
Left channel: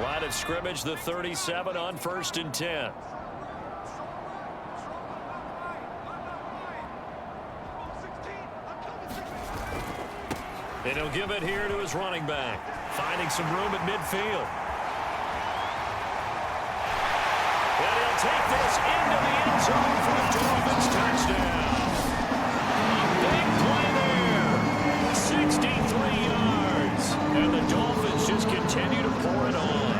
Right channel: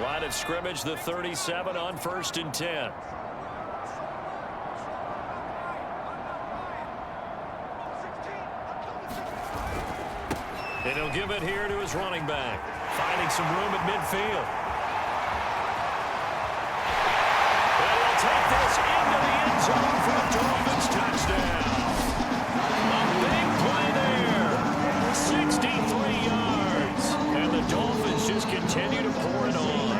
Line of scrimmage, the 37 on 1st and 10. And he'll give it here to his running back, finding some room at midfield. And he'll take this into the end zone for the Dolphins touchdown. A big play there. 63 yards. And the Dolphins just continue to pour it on.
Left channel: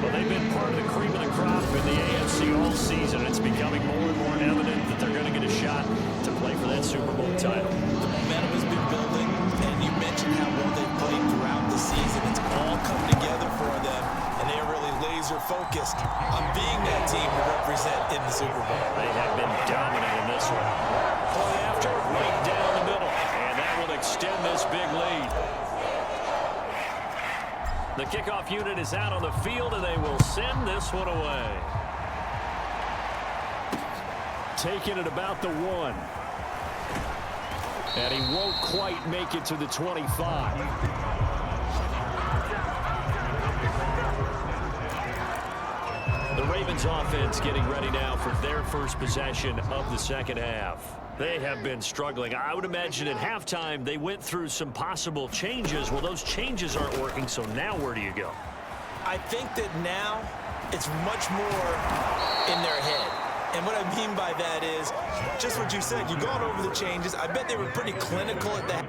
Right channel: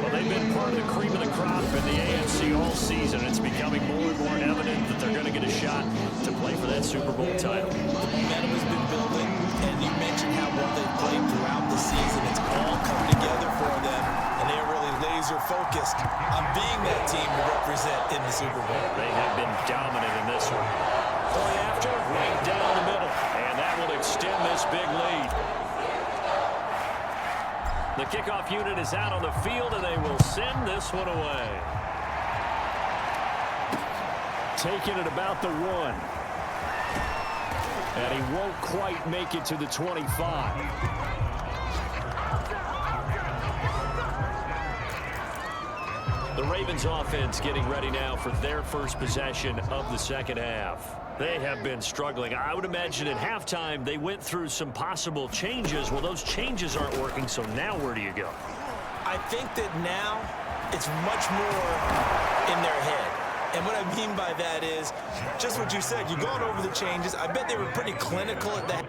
Well, they've been part of the cream of the crop in the AFC all season. It's becoming more and more evident that they're going to get a shot to play for that Super Bowl title. The momentum has been building, and you mentioned how well they've played throughout the season. It's all come together for them, and they are really laser-focused on being that team to represent in the Super Bowl. They have been dominant in this one. Point after, right down the middle, and that will extend this big lead. The kickoff unit is out on the field, and they will send this one away. Taking it about the 1. And he won't quite make it to the 25. The Ravens offense getting ready now for their first possession of the second half. They have been struggling. I would imagine at halftime they went through some possible changes. Well, those changes aren't working, so now where do you go? I think that now it's much more in their head. And what I mean by that is just what you said. You've gone over the changes. I bet they were pretty clinical at that.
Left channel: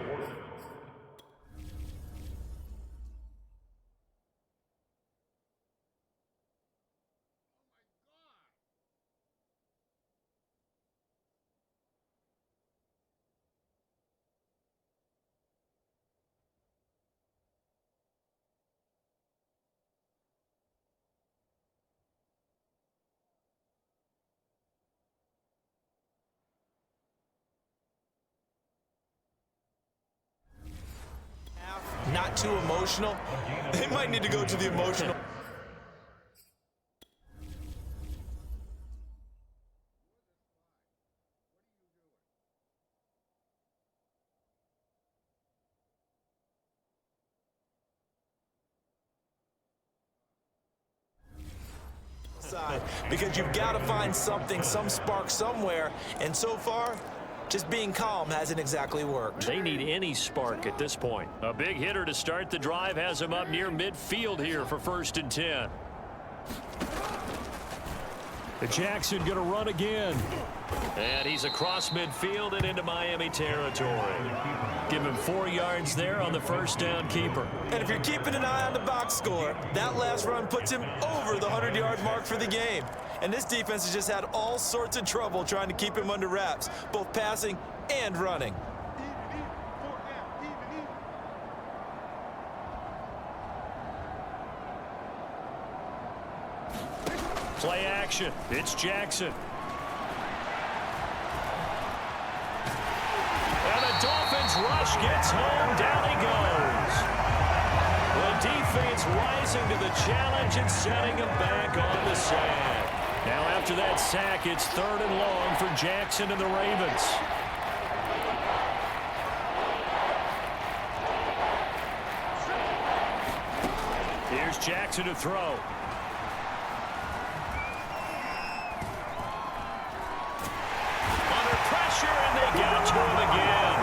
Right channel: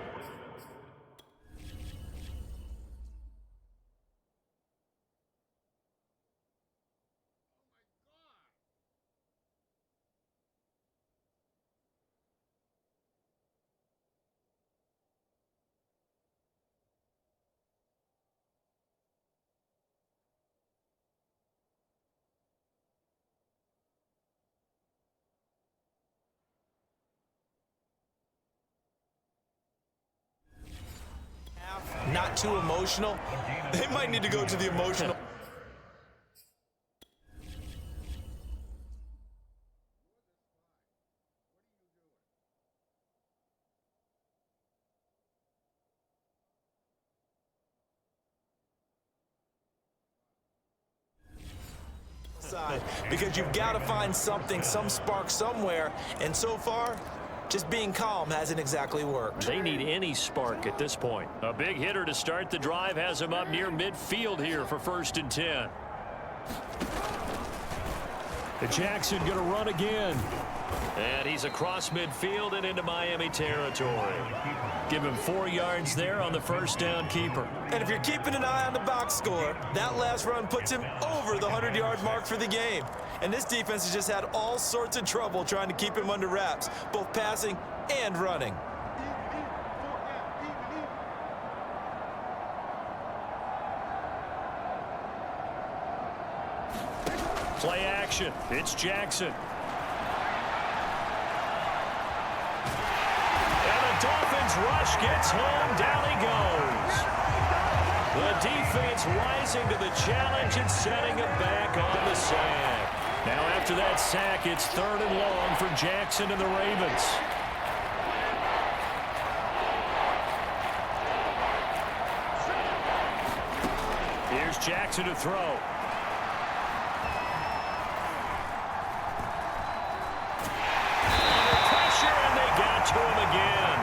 Not too emotional. They might need to go to the emotional. side because you've got to find something, some spark somewhere. And so far, just being calm hasn't exactly worked. They need any spark at this point. A big hitter to start the drive has him up near midfield here for 1st and 10. Jackson going to run again. And he's across midfield and into Miami territory. Give him 4 yards there on the first down keeper. And if you're keeping an eye on the box score, that last run puts him over the 100-yard mark for the game. And this defense has just had all sorts of trouble trying to keep him under wraps, both passing and running. Play action. It's Jackson. And the Dolphins rush gets home. Down he goes. The defense rising to the challenge and setting him back on the sack. Now after that sack, it's 3rd and long for Jackson and the Ravens. Here's Jackson to throw. And they got to him again.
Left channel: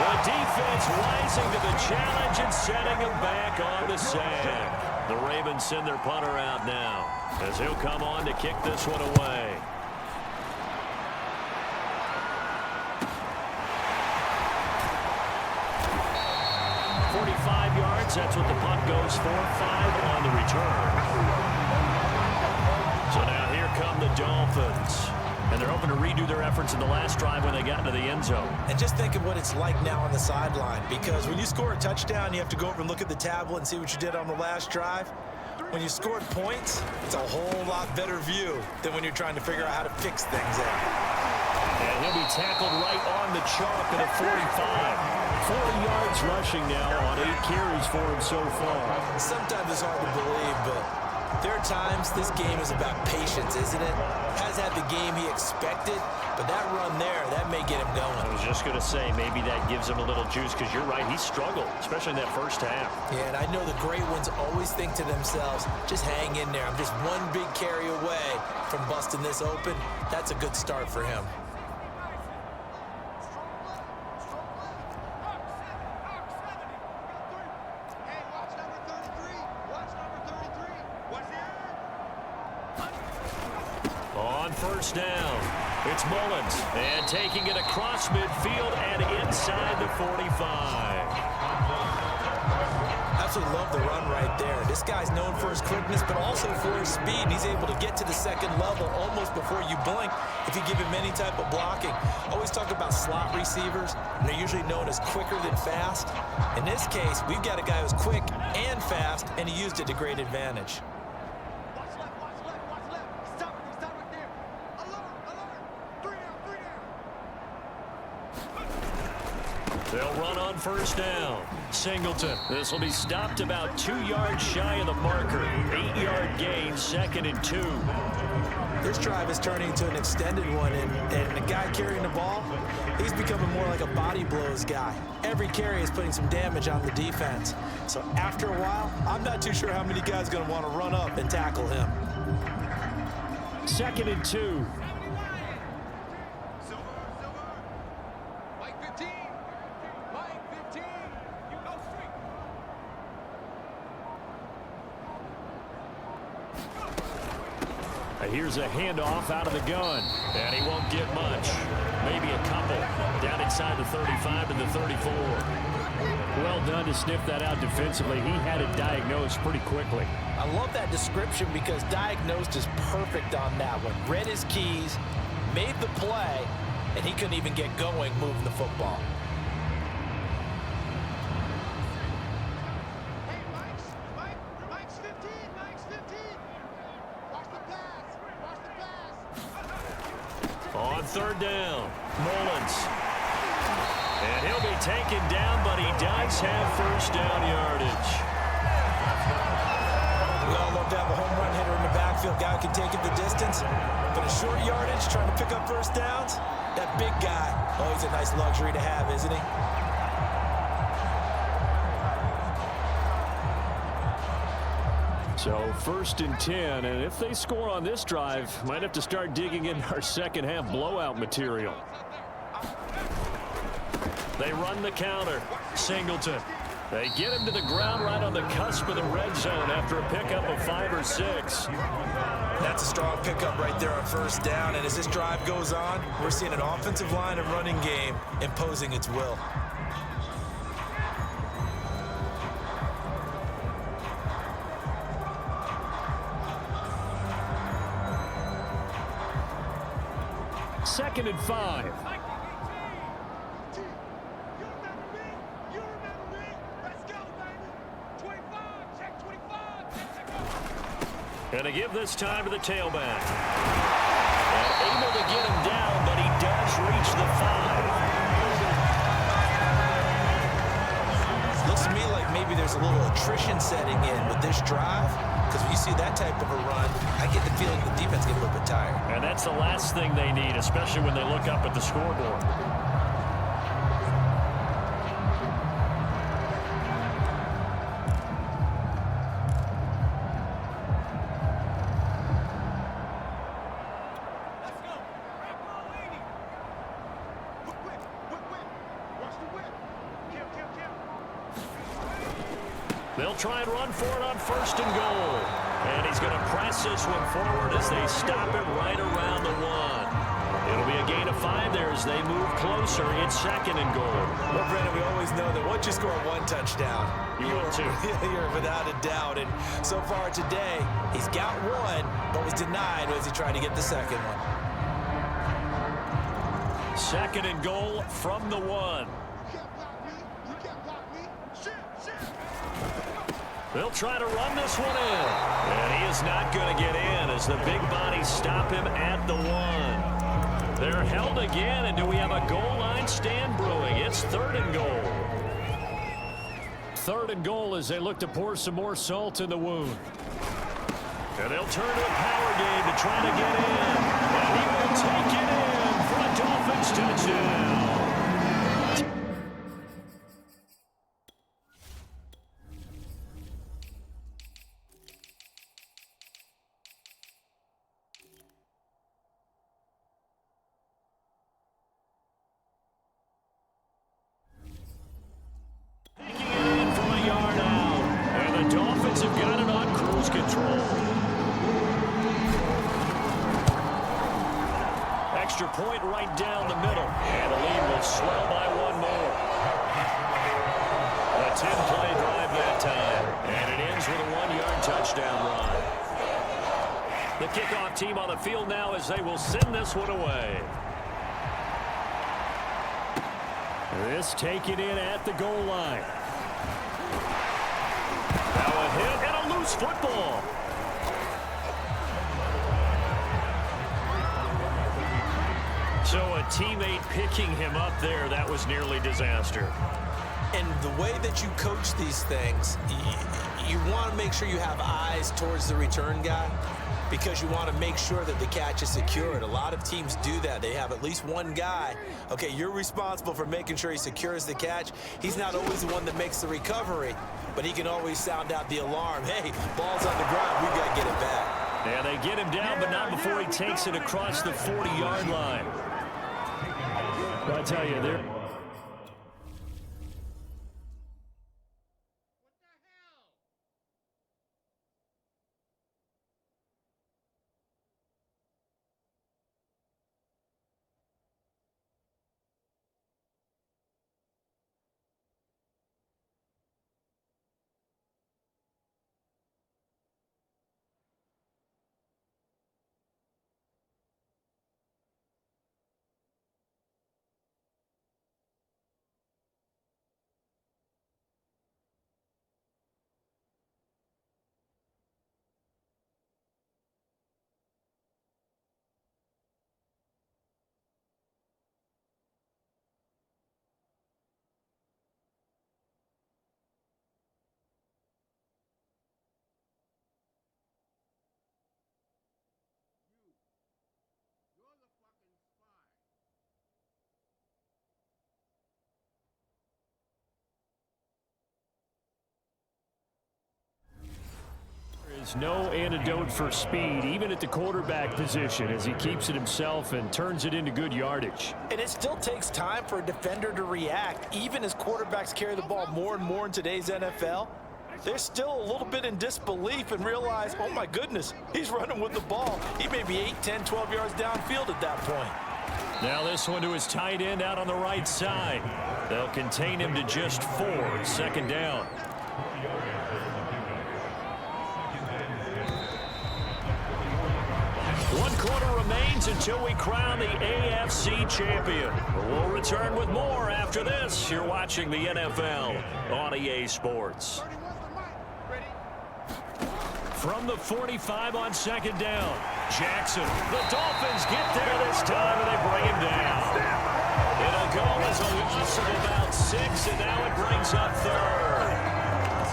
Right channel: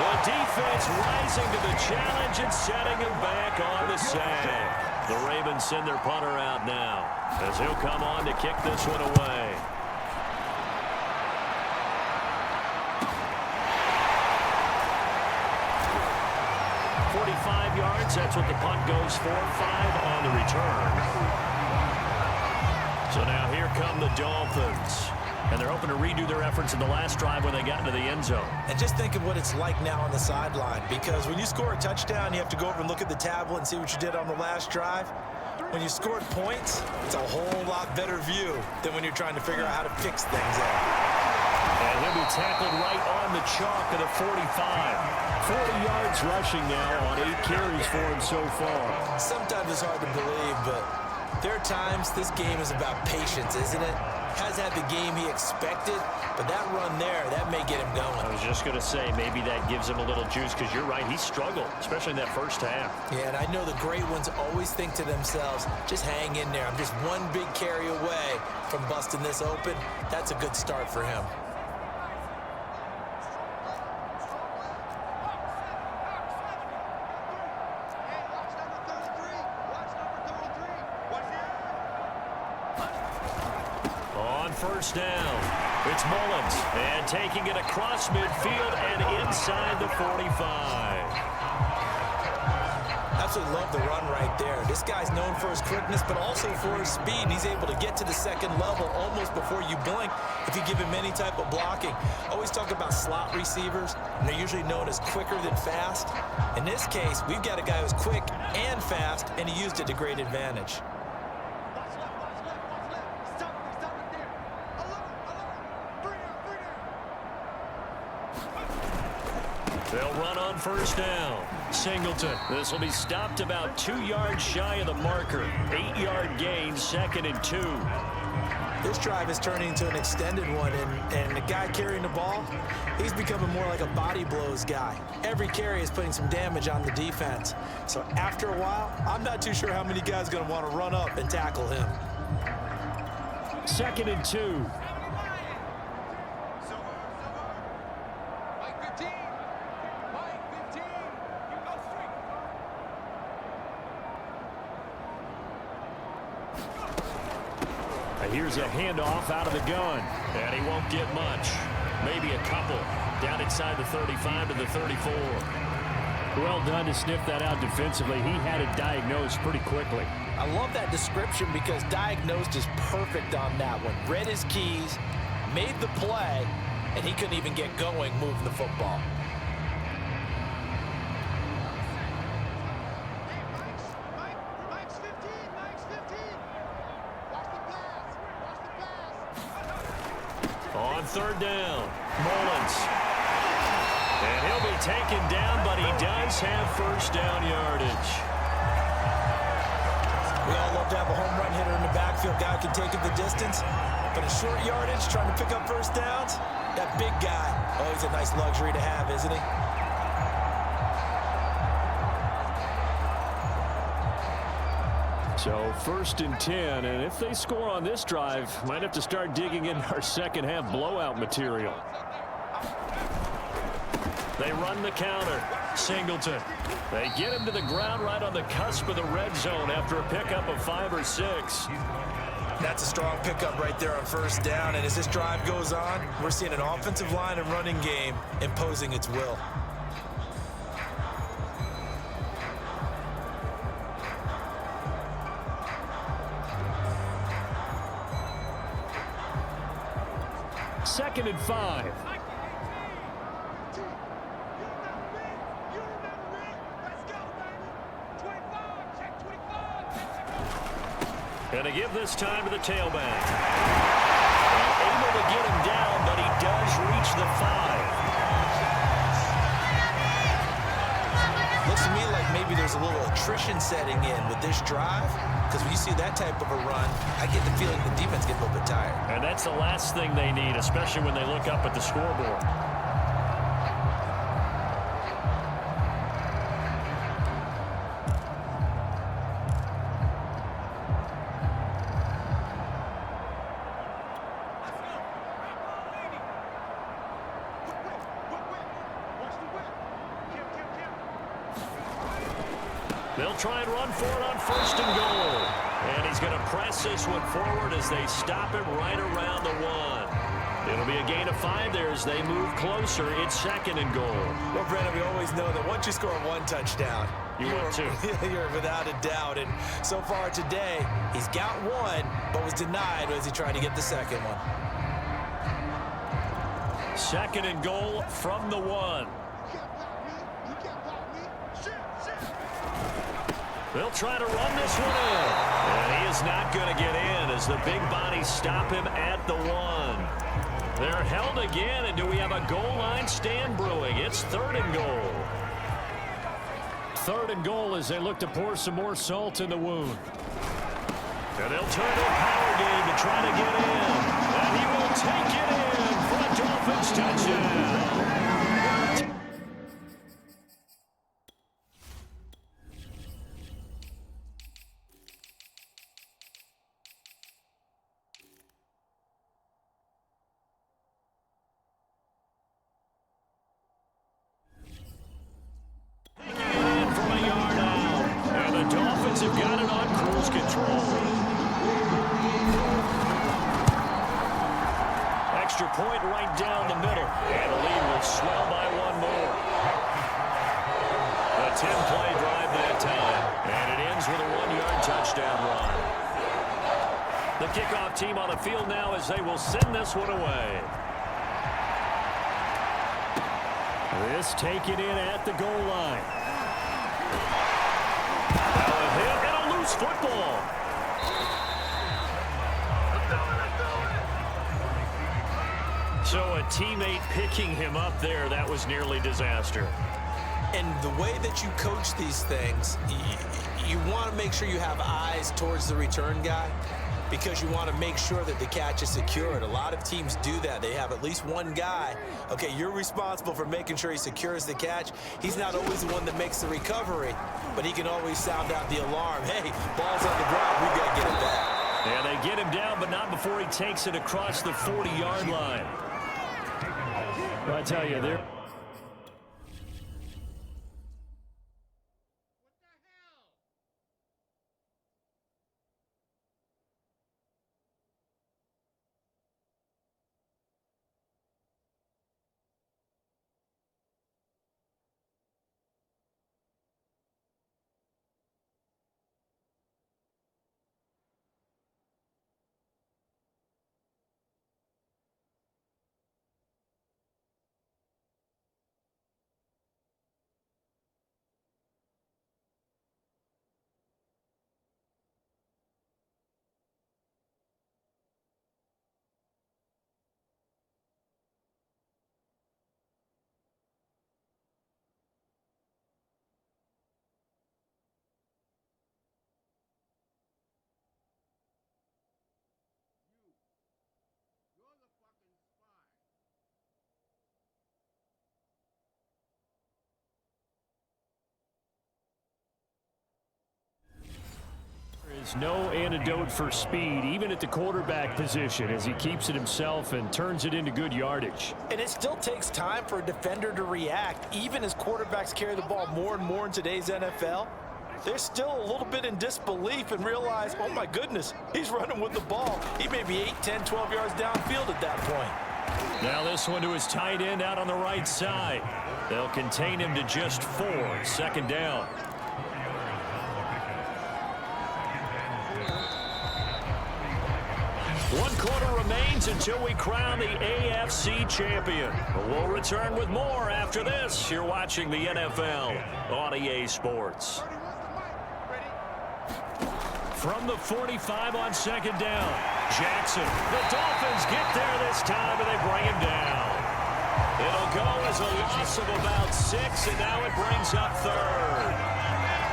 The defense rising to the challenge and setting him back on the sack. The Ravens send their punter out now as he'll come on to kick this one away. "45 yards, that's what the punt goes for. 5 on the return. So now here come the Dolphins. And they're hoping to redo their efforts in the last drive when they got into the end zone. And just think of what it's like now on the sideline, because when you score a touchdown, you have to go over and look at the tablet and see what you did on the last drive. When you scored points, it's a whole lot better view than when you're trying to figure out how to fix things there. And he'll be tackled right on the chalk at a 45. 40 yards rushing now on 8 carries for him so far. Sometimes it's hard to believe, but there are times this game is about patience, isn't it? Has had the game he expected, but that run there, that may get him going. I was just going to say, maybe that gives him a little juice, because you're right, he struggled, especially in that first half. Yeah, and I know the great ones always think to themselves, just hang in there. I'm just one big carry away from busting this open. That's a good start for him. On first down, it's Mullins, and taking it across midfield and inside the 45. Absolutely love the run right there. This guy's known for his quickness, but also for his speed. And he's able to get to the second level almost before you blink if you give him any type of blocking. Always talk about slot receivers, and they're usually known as quicker than fast. In this case, we've got a guy who's quick and fast, and he used it to great advantage. They'll run on first down. Singleton. This will be stopped about 2 yards shy of the marker. 8-yard gain, 2nd and 2. This drive is turning into an extended one, and the guy carrying the ball, he's becoming more like a body blows guy. Every carry is putting some damage on the defense. So after a while, I'm not too sure how many guys are going to want to run up and tackle him. 2nd and 2. Here's a handoff out of the gun. And he won't get much. Maybe a couple. Down inside the 35 to the 34. Well done to sniff that out defensively. He had it diagnosed pretty quickly. I love that description because diagnosed is perfect on that one. Read his keys, made the play, and he couldn't even get going moving the football. On third down, Mullins. And he'll be taken down, but he does have first down yardage. We all love to have a home run hitter in the backfield. Guy who can take it the distance. But a short yardage, trying to pick up first downs, that big guy, oh, he's a nice luxury to have, isn't he? So 1st and 10, and if they score on this drive, might have to start digging in our second half blowout material. They run the counter. Singleton. They get him to the ground right on the cusp of the red zone after a pickup of 5 or 6. That's a strong pickup right there on 1st down, and as this drive goes on, we're seeing an offensive line and running game imposing its will. Second and 5. Going to give this time to the tailback. And able to get him down, but he does reach the 5. Looks to me like maybe there's a little attrition setting in with this drive, because when you see that type of a run, I get the feeling the defense gets a little bit tired. And that's the last thing they need, especially when they look up at the scoreboard. They'll try and run for it on 1st and goal. And he's going to press this one forward as they stop him right around the 1. It'll be a gain of 5 there as they move closer. It's 2nd and goal. Well, Brandon, we always know that once you score 1 touchdown, you're 2. You're without a doubt. And so far today, he's got 1, but was denied as he tried to get the 2nd one. 2nd and goal from the 1. They'll try to run this one in. And he is not going to get in as the big bodies stop him at the 1. They're held again, and do we have a goal line stand brewing? It's 3rd and goal. 3rd and goal as they look to pour some more salt in the wound. And they'll turn to a power game to try to get in. And he will take it in for a Dolphins touchdown. Have got it on cruise control. Extra point right down the middle. And the lead will swell by 1 more. A 10-play drive that time. And it ends with a 1-yard touchdown run. The kickoff team on the field now as they will send this one away. This taken in at the goal line. Now a hit and a loose football. So a teammate picking him up there, that was nearly disaster. And the way that you coach these things, you want to make sure you have eyes towards the return guy because you want to make sure that the catch is secured. A lot of teams do that. They have at least one guy. Okay, you're responsible for making sure he secures the catch. He's not always the one that makes the recovery, but he can always sound out the alarm. Hey, ball's on the ground. We've got to get it back. Yeah, they get him down, but not before he takes it across the 40-yard line. I tell you, they're There's no antidote for speed, even at the quarterback position, as he keeps it himself and turns it into good yardage. And it still takes time for a defender to react. Even as quarterbacks carry the ball more and more in today's NFL, they're still a little bit in disbelief and realize, oh my goodness, he's running with the ball. He may be 8, 10, 12 yards downfield at that point. Now this one to his tight end out on the right side. They'll contain him to just 4, 2nd down. One quarter remains until we crown the AFC champion. We'll return with more after this. You're watching the NFL on EA Sports. From the 45 on 2nd down, Jackson. The Dolphins get there this time, and they bring him down. It'll go as a loss of about 6, and now it brings up 3rd.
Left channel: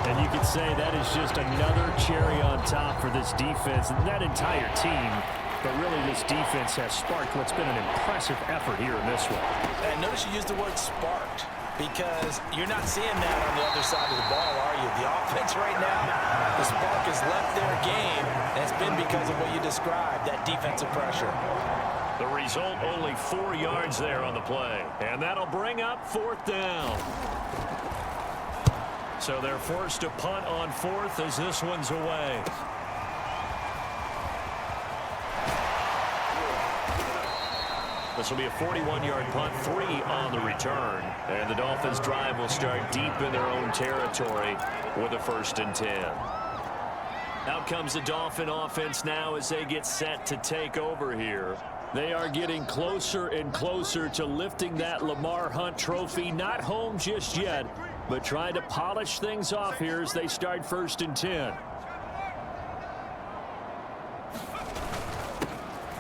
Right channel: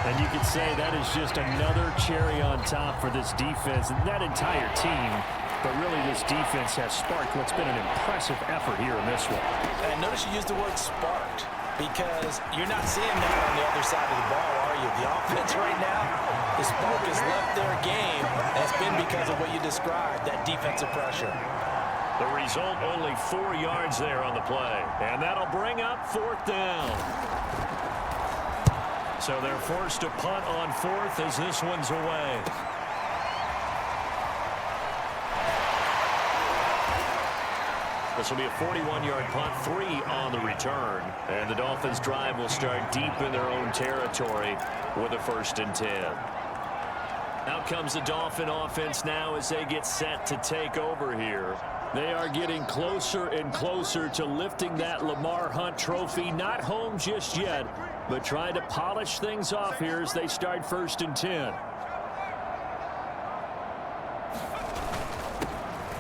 And you could say that is just another cherry on top for this defense and that entire team. But really, this defense has sparked what's been an impressive effort here in this one. And notice you used the word sparked, because you're not seeing that on the other side of the ball, are you? The offense right now, the spark has left their game, and it's been because of what you described, that defensive pressure. The result, only 4 yards there on the play. And that'll bring up 4th down. So they're forced to punt on 4th as this one's away. This will be a 41-yard punt, 3 on the return. And the Dolphins drive will start deep in their own territory with a 1st and 10. Out comes the Dolphin offense now as they get set to take over here. They are getting closer and closer to lifting that Lamar Hunt trophy. Not home just yet, but trying to polish things off here as they start 1st and 10.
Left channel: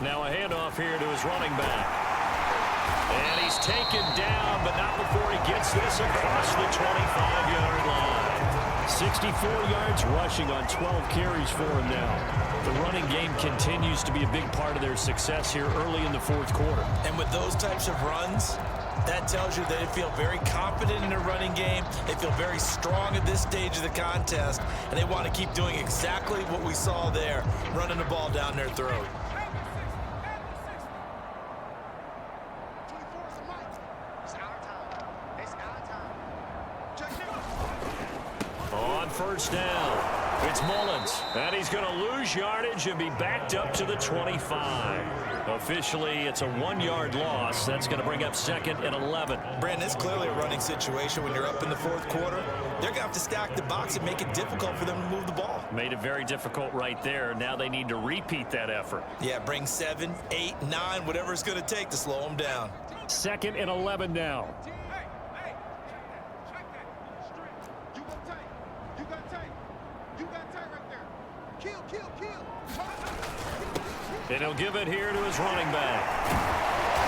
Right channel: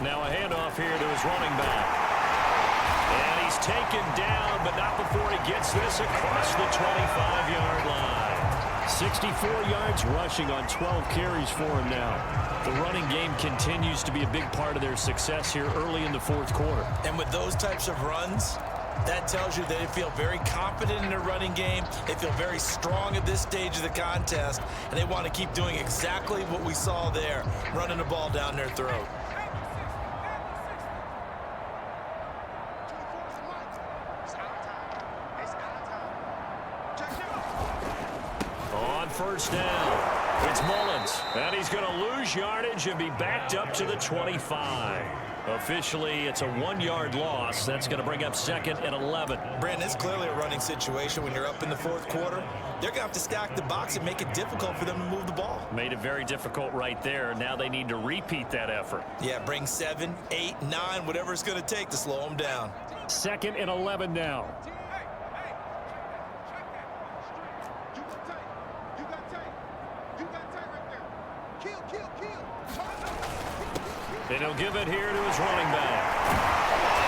Now a handoff here to his running back. And he's taken down, but not before he gets this across the 25-yard line. 64 yards rushing on 12 carries for him now. The running game continues to be a big part of their success here early in the 4th quarter. And with those types of runs, that tells you that they feel very confident in their running game. They feel very strong at this stage of the contest, and they want to keep doing exactly what we saw there, running the ball down their throat. On 1st down, it's Mullins, and he's going to lose yardage and be backed up to the 25. Officially, it's a 1-yard loss. That's going to bring up 2nd and 11. Brandon, it's clearly a running situation when you're up in the 4th quarter. They're going to have to stack the box and make it difficult for them to move the ball. Made it very difficult right there. Now they need to repeat that effort. Yeah, bring 7, 8, 9, whatever it's going to take to slow them down. 2nd and 11 now. And he'll give it here to his running back.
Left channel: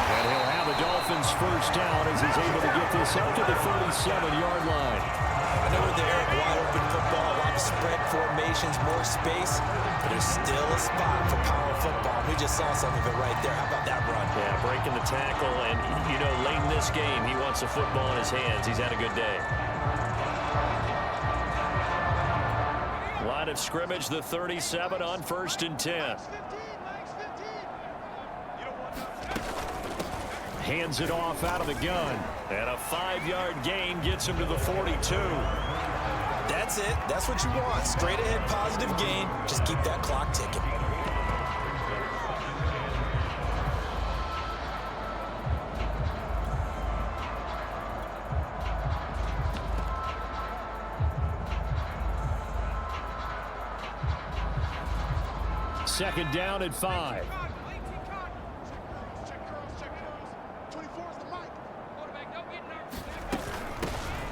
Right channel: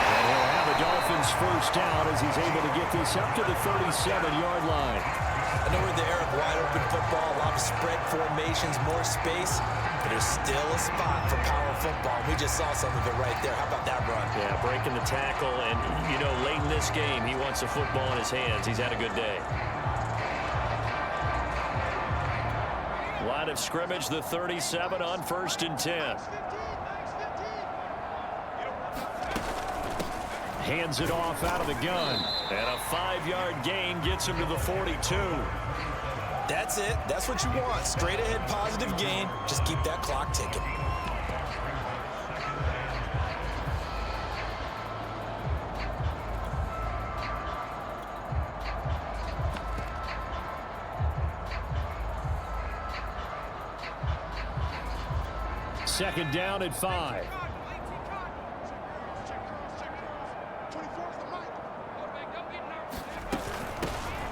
And he'll have the Dolphins 1st down as he's able to get this up to the 37-yard line. I know we're in the era of wide-open football, a lot of spread formations, more space, but there's still a spot for power football. We just saw some of it right there. How about that run? Yeah, breaking the tackle, and, you know, late in this game, he wants the football in his hands. He's had a good day. Line of scrimmage, the 37 on 1st and 10. Hands it off out of the gun. And a 5-yard gain gets him to the 42. That's it. That's what you want. Straight ahead positive gain. Just keep that clock ticking. Second down at 5.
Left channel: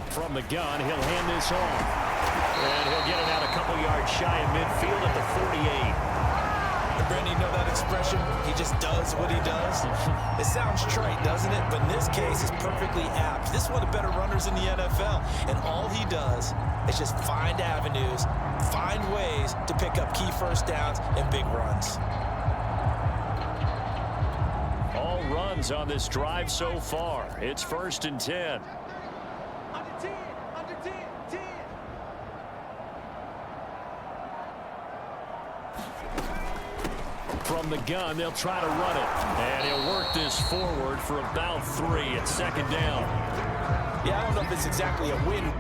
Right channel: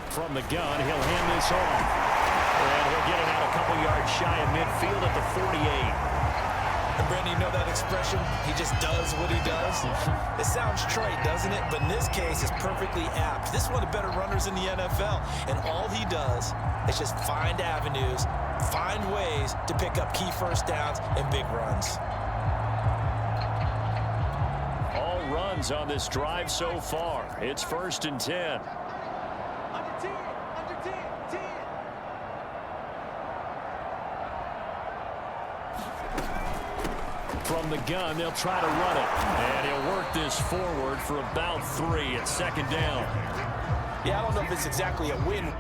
From the gun, he'll hand this off. And he'll get it out a couple yards shy of midfield at the 48. And Brandon, you know that expression? He just does what he does. It sounds trite, doesn't it? But in this case, it's perfectly apt. This is one of the better runners in the NFL. And all he does is just find avenues, find ways to pick up key 1st downs and big runs. All runs on this drive so far. It's 1st and 10. Under 10, 10. From the gun, they'll try to run it. And he'll work this forward for about 3. It's second down. Yeah, I don't know if it's exactly a win.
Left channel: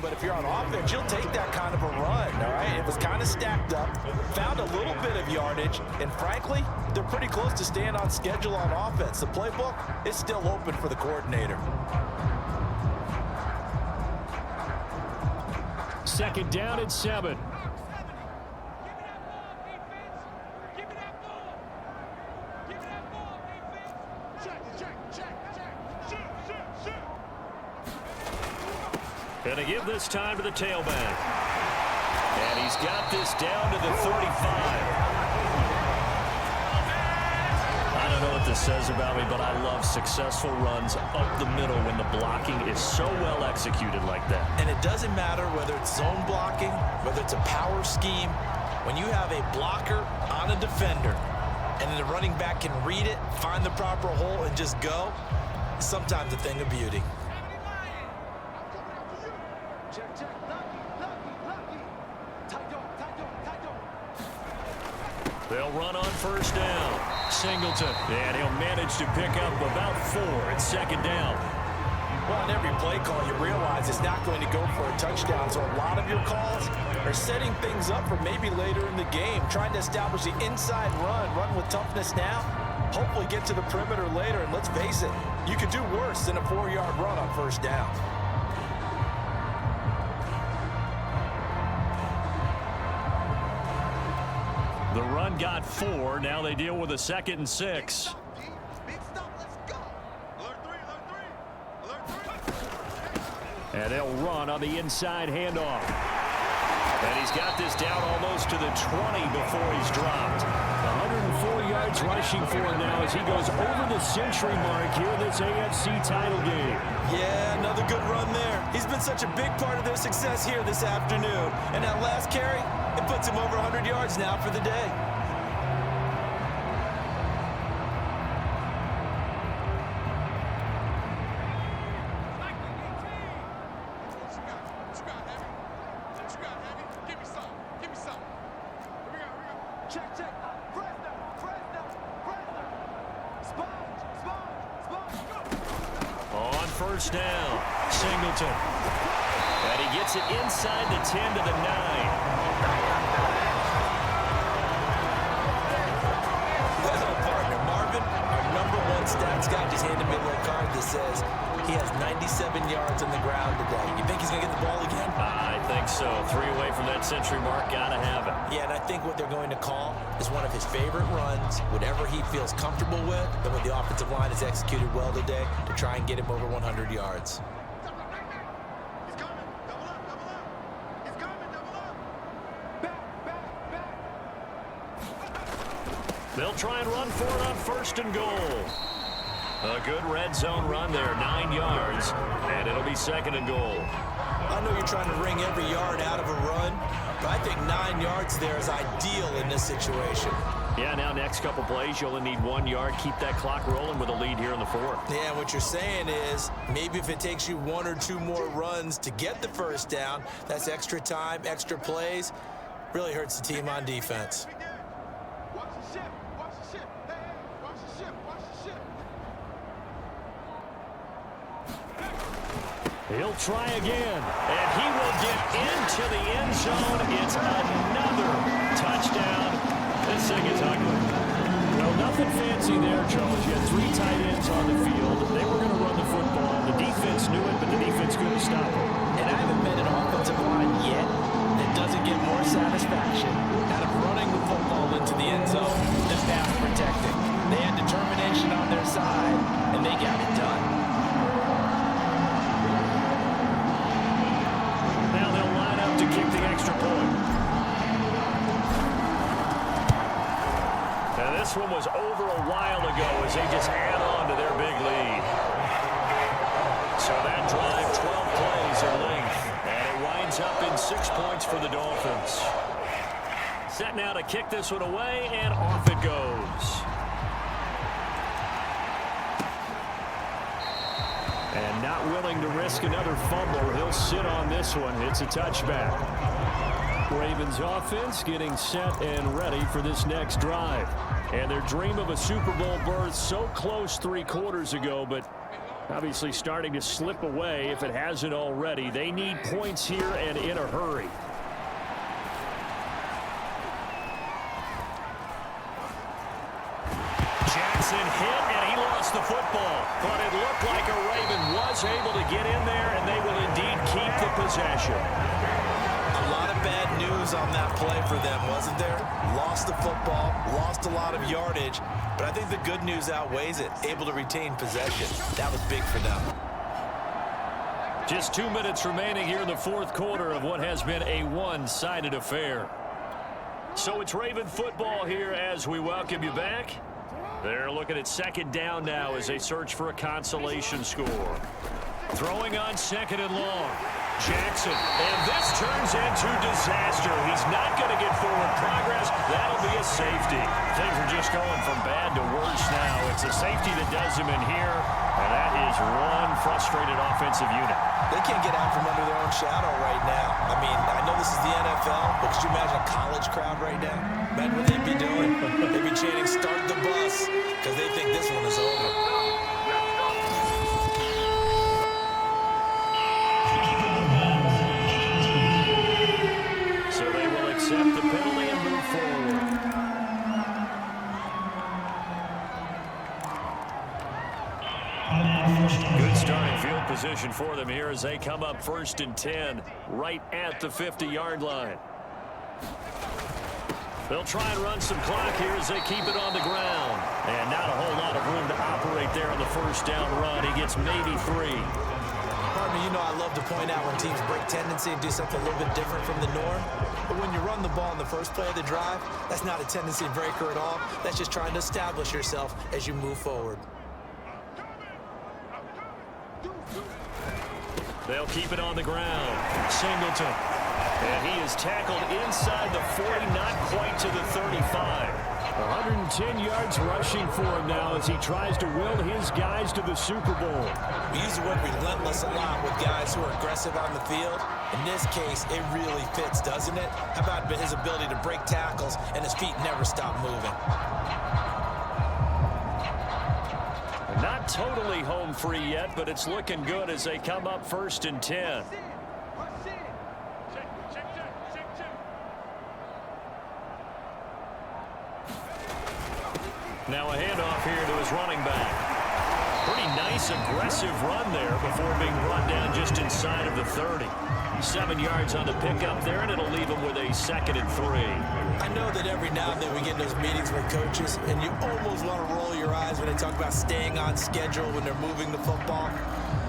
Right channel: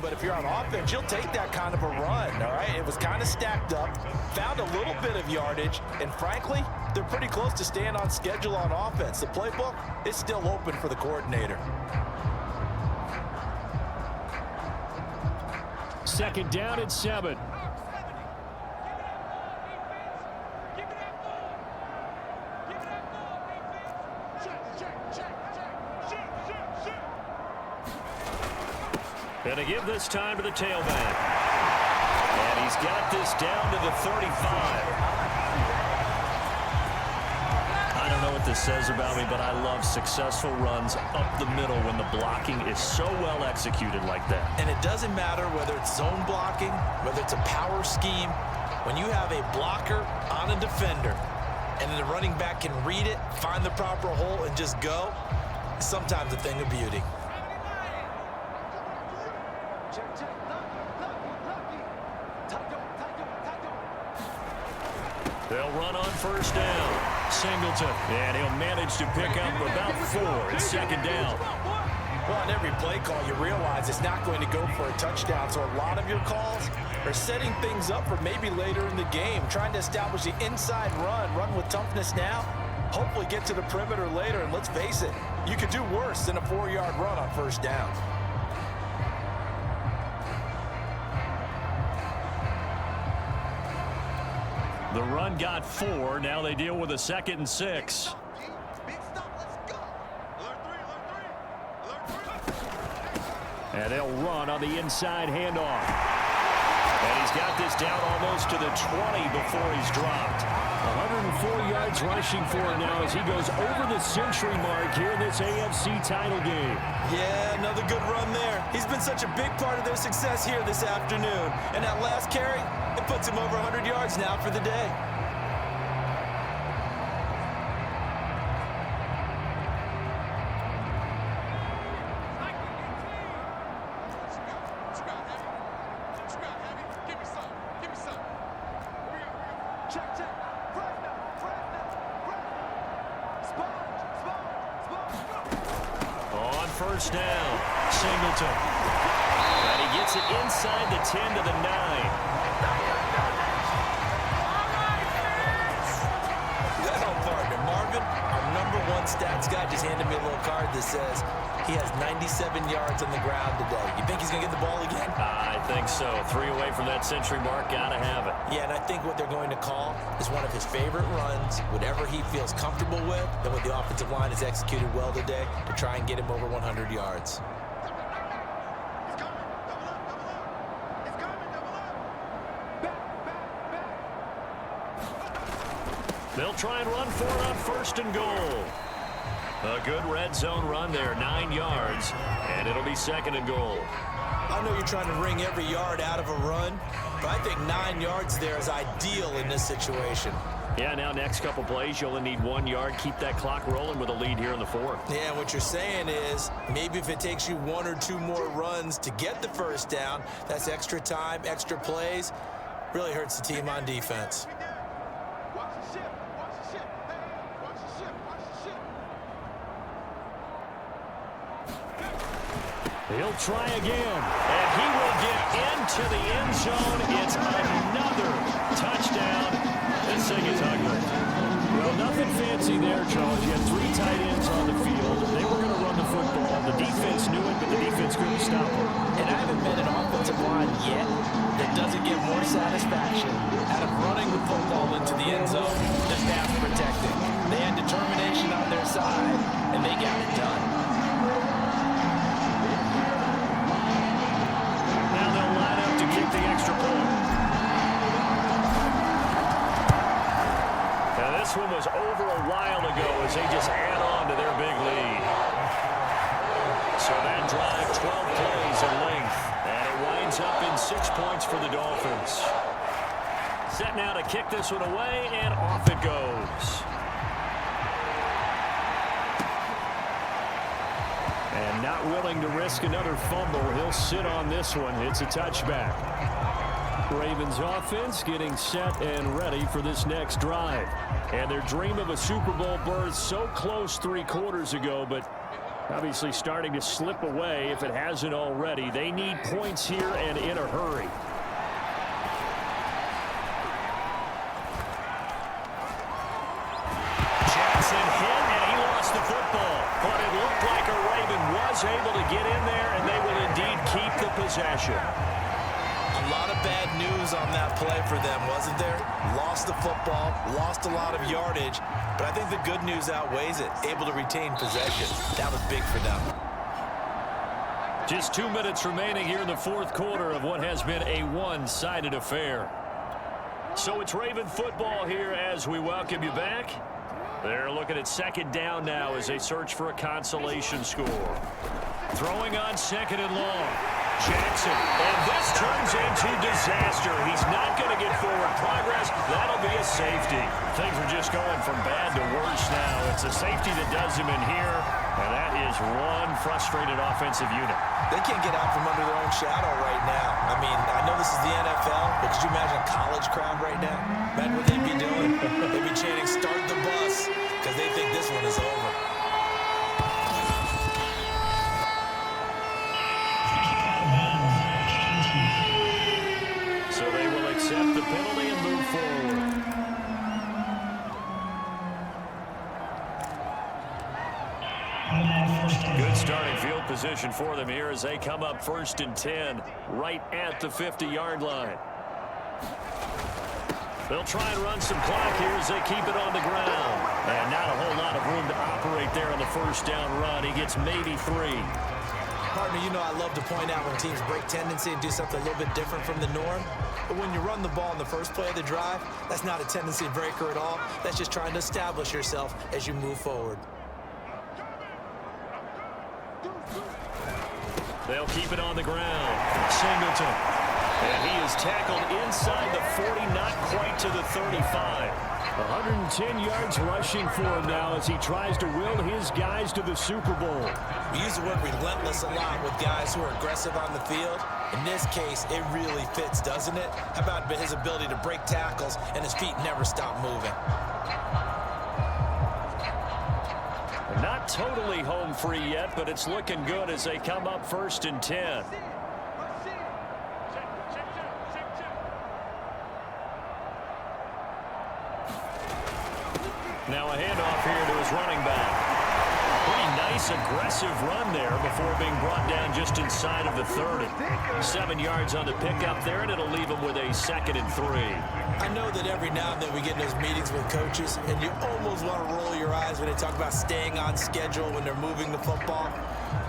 But if you're on offense, you'll take that kind of a run, all right? It was kind of stacked up, found a little bit of yardage, and frankly, they're pretty close to staying on schedule on offense. The playbook is still open for the coordinator. Second down and 7. And to give this time to the tailback. And he's got this down to the 35. I don't know what this says about me, but I love successful runs up the middle when the blocking is so well executed like that. And it doesn't matter whether it's zone blocking, whether it's a power scheme. When you have a blocker on a defender and then the running back can read it, find the proper hole, and just go, it's sometimes a thing of beauty. They'll run on first down. Singleton. And he'll manage to pick up about 4. It's second down. Well, on every play call, you realize it's not going to go for a touchdown. So a lot of your calls are setting things up for maybe later in the game, trying to establish the inside run with toughness now, hopefully get to the perimeter later. And let's face it, you could do worse than a 4-yard run on first down. The run got 4. Now they deal with a 2nd and 6. Big stop, let's go. Alert 3. And they'll run on the inside handoff. And he's got this down almost to the 20 before he's dropped. 104 yards rushing for him now as he goes over the century mark here in this AFC title game. Yeah, another good run there. He's been such a big part of their success here this afternoon. And that last carry, it puts him over 100 yards now for the day. On first down, Singleton. And he gets it inside the 10 to the 9. Well, partner, Marvin, our #1 stats guy, just handed me a little card that says he has 97 yards on the ground today. You think he's going to get the ball again? I think so. 3 away from that century mark. Gotta have it. Yeah, and I think what they're going to call is one of his favorite runs, whatever he feels comfortable with, and what the offensive line has executed well today to try and get him over 100 yards. He's coming. Double up. He's coming. Double up. Back. They'll try and run for it on first and goal. A good red zone run there, 9 yards, and it'll be second and goal. I know you're trying to wring every yard out of a run, but I think 9 yards there is ideal in this situation. Yeah, now next couple plays, you only need 1 yard. Keep that clock rolling with a lead here in the 4th. Yeah, what you're saying is maybe if it takes you 1 or 2 more runs to get the first down, that's extra time, extra plays, really hurts the team on defense. Watch the ship. Watch the ship. Hey, watch the ship. Watch the ship. He'll try again. And he will get into the end zone. It's another touchdown. This thing is ugly. Well, nothing fancy there, Charles. You had 3 tight ends on the field. They were going to run the football. The defense knew it, but the defense couldn't stop them. And I haven't met an offensive line yet that doesn't get more satisfaction out of running the football into the end zone than pass protecting. They had determination on their side, and they got it done. Now they'll line up to kick the extra point. And this one was over a while ago as they just add on to their big lead. So that drive, 12 plays in length, and it winds ends up in 6 points for the Dolphins. Set now to kick this one away, and off it goes. And not willing to risk another fumble, he'll sit on this one. It's a touchback. Ravens offense getting set and ready for this next drive. And their dream of a Super Bowl berth so close 3 quarters ago, but obviously starting to slip away if it hasn't already. They need points here and in a hurry. Jackson hit, and he lost the football. But it looked like a Raven was able to get in there, and they will indeed keep the possession. A lot of bad news on that play for them, wasn't there? Lost the football, lost a lot of yardage, but I think the good news outweighs it. Able to retain possession. That was big for them. Just 2 minutes remaining here in the 4th quarter of what has been a one-sided affair. So it's Raven football here as we welcome you back. They're looking at 2nd down now as they search for a consolation score. Throwing on 2nd and long. Jackson, and this turns into disaster. He's not going to get forward progress. That'll be a safety. Things are just going from bad to worse now. It's a safety that does him in here, and that is one frustrated offensive unit. They can't get out from under their own shadow right now. I mean, I know this is the NFL, but could you imagine a college crowd right now? Imagine what they'd be doing. They'd be chanting, "Start the bus," because they think this one is over. So they will accept the penalty and move forward. Good starting field position for them here as they come up 1st and 10, right at the 50-yard line. They'll try and run some clock here as they keep it on the ground. And not a whole lot of room to operate there on the 1st down run. He gets maybe 3. Partner, you know I love to point out when teams break tendency and do something a little bit different from the norm. But when you run the ball in the first play of the drive, that's not a tendency breaker at all. That's just trying to establish yourself as you move forward. They'll keep it on the ground. Singleton. And he is tackled inside the 40, not quite to the 35. 110 yards rushing for him now as he tries to will his guys to the Super Bowl. We use the word relentless a lot with guys who are aggressive on the field. In this case, it really fits, doesn't it? How about his ability to break tackles and his feet never stop moving? Not totally home free yet, but it's looking good as they come up 1st and 10. Now a handoff here to his running back. Pretty nice aggressive run there before being brought down just inside of the 30. 7 yards on the pickup there, and it'll leave him with a 2nd and 3. I know that every now and then we get in those meetings with coaches, and you almost want to roll your eyes when they talk about staying on schedule when they're moving the football.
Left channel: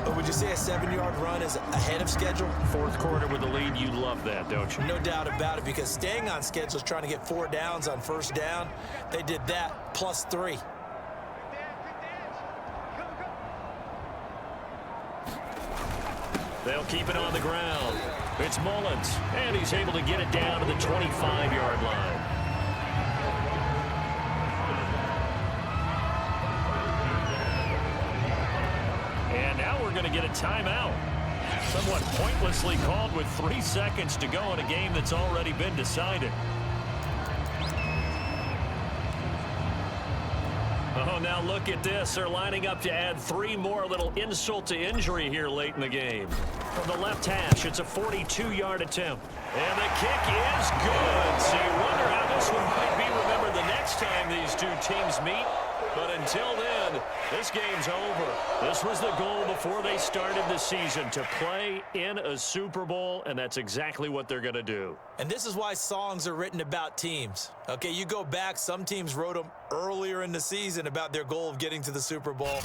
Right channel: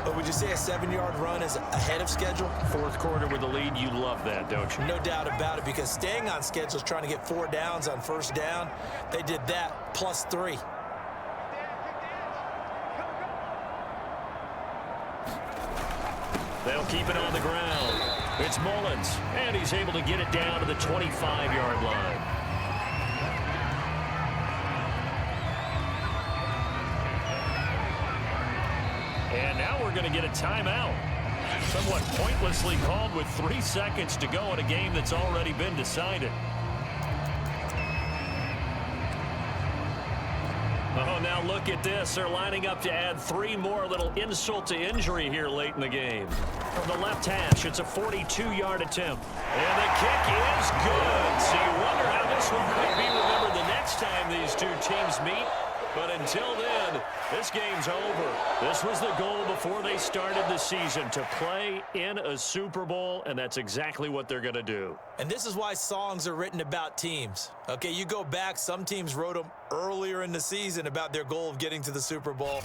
But would you say a 7-yard run is ahead of schedule? 4th quarter with the lead, you love that, don't you? No doubt about it, because staying on schedule is trying to get 4 downs on 1st down. They did that plus 3. They'll keep it on the ground. It's Mullins, and he's able to get it down to the 25-yard line. And now we're going to get a timeout. Somewhat pointlessly called with 3 seconds to go in a game that's already been decided. Oh, now look at this. They're lining up to add 3 more. A little insult to injury here late in the game. From the left hash, it's a 42-yard attempt. And the kick is good. So you wonder how this one might be remembered the next time these two teams meet. But until then, this game's over. This was the goal before they started the season, to play in a Super Bowl, and that's exactly what they're going to do. And this is why songs are written about teams. Okay, you go back, some teams wrote them earlier in the season about their goal of getting to the Super Bowl.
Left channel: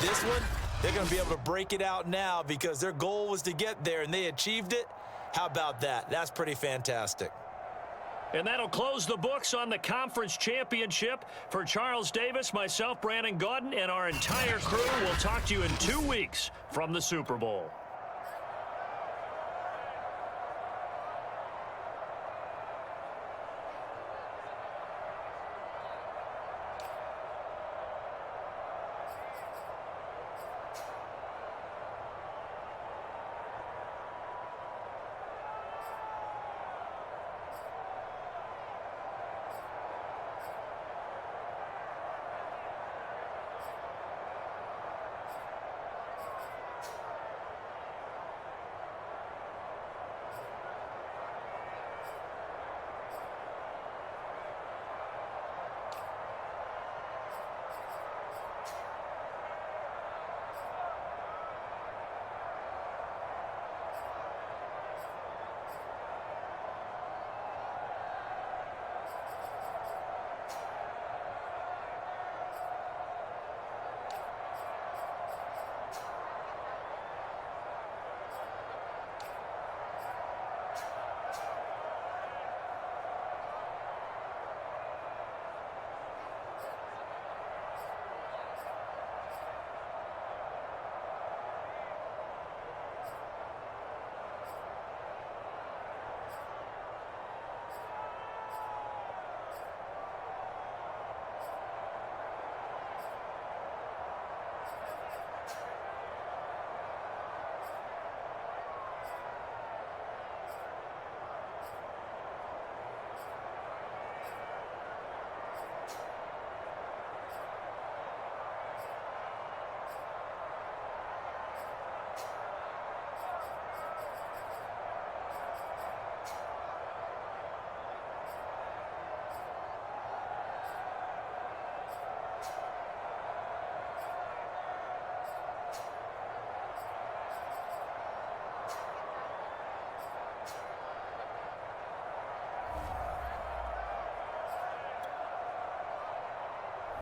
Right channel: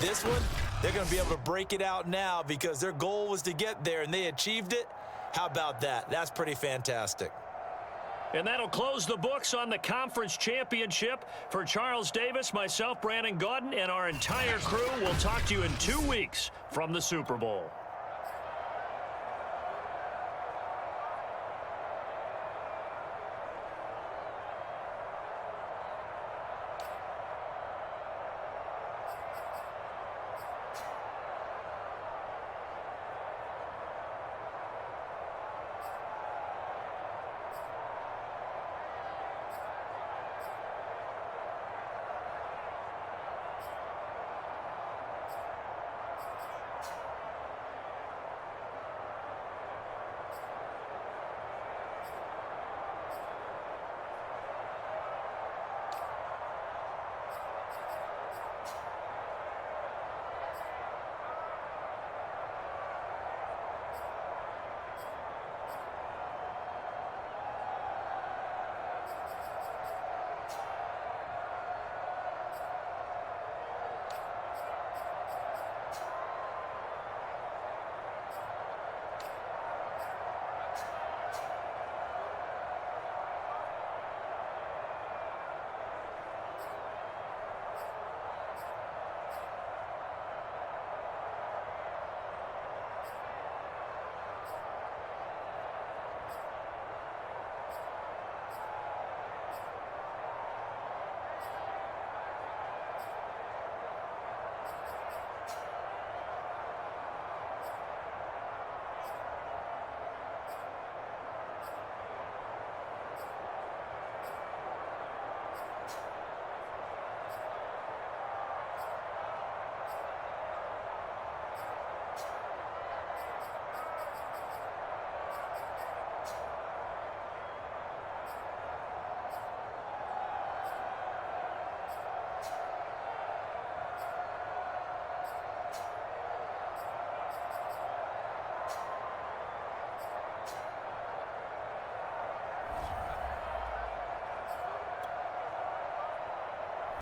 This one, they're going to be able to break it out now because their goal was to get there, and they achieved it. How about that? That's pretty fantastic. And that'll close the books on the conference championship. For Charles Davis, myself, Brandon Gaudin, and our entire crew, we'll talk to you in 2 weeks from the Super Bowl.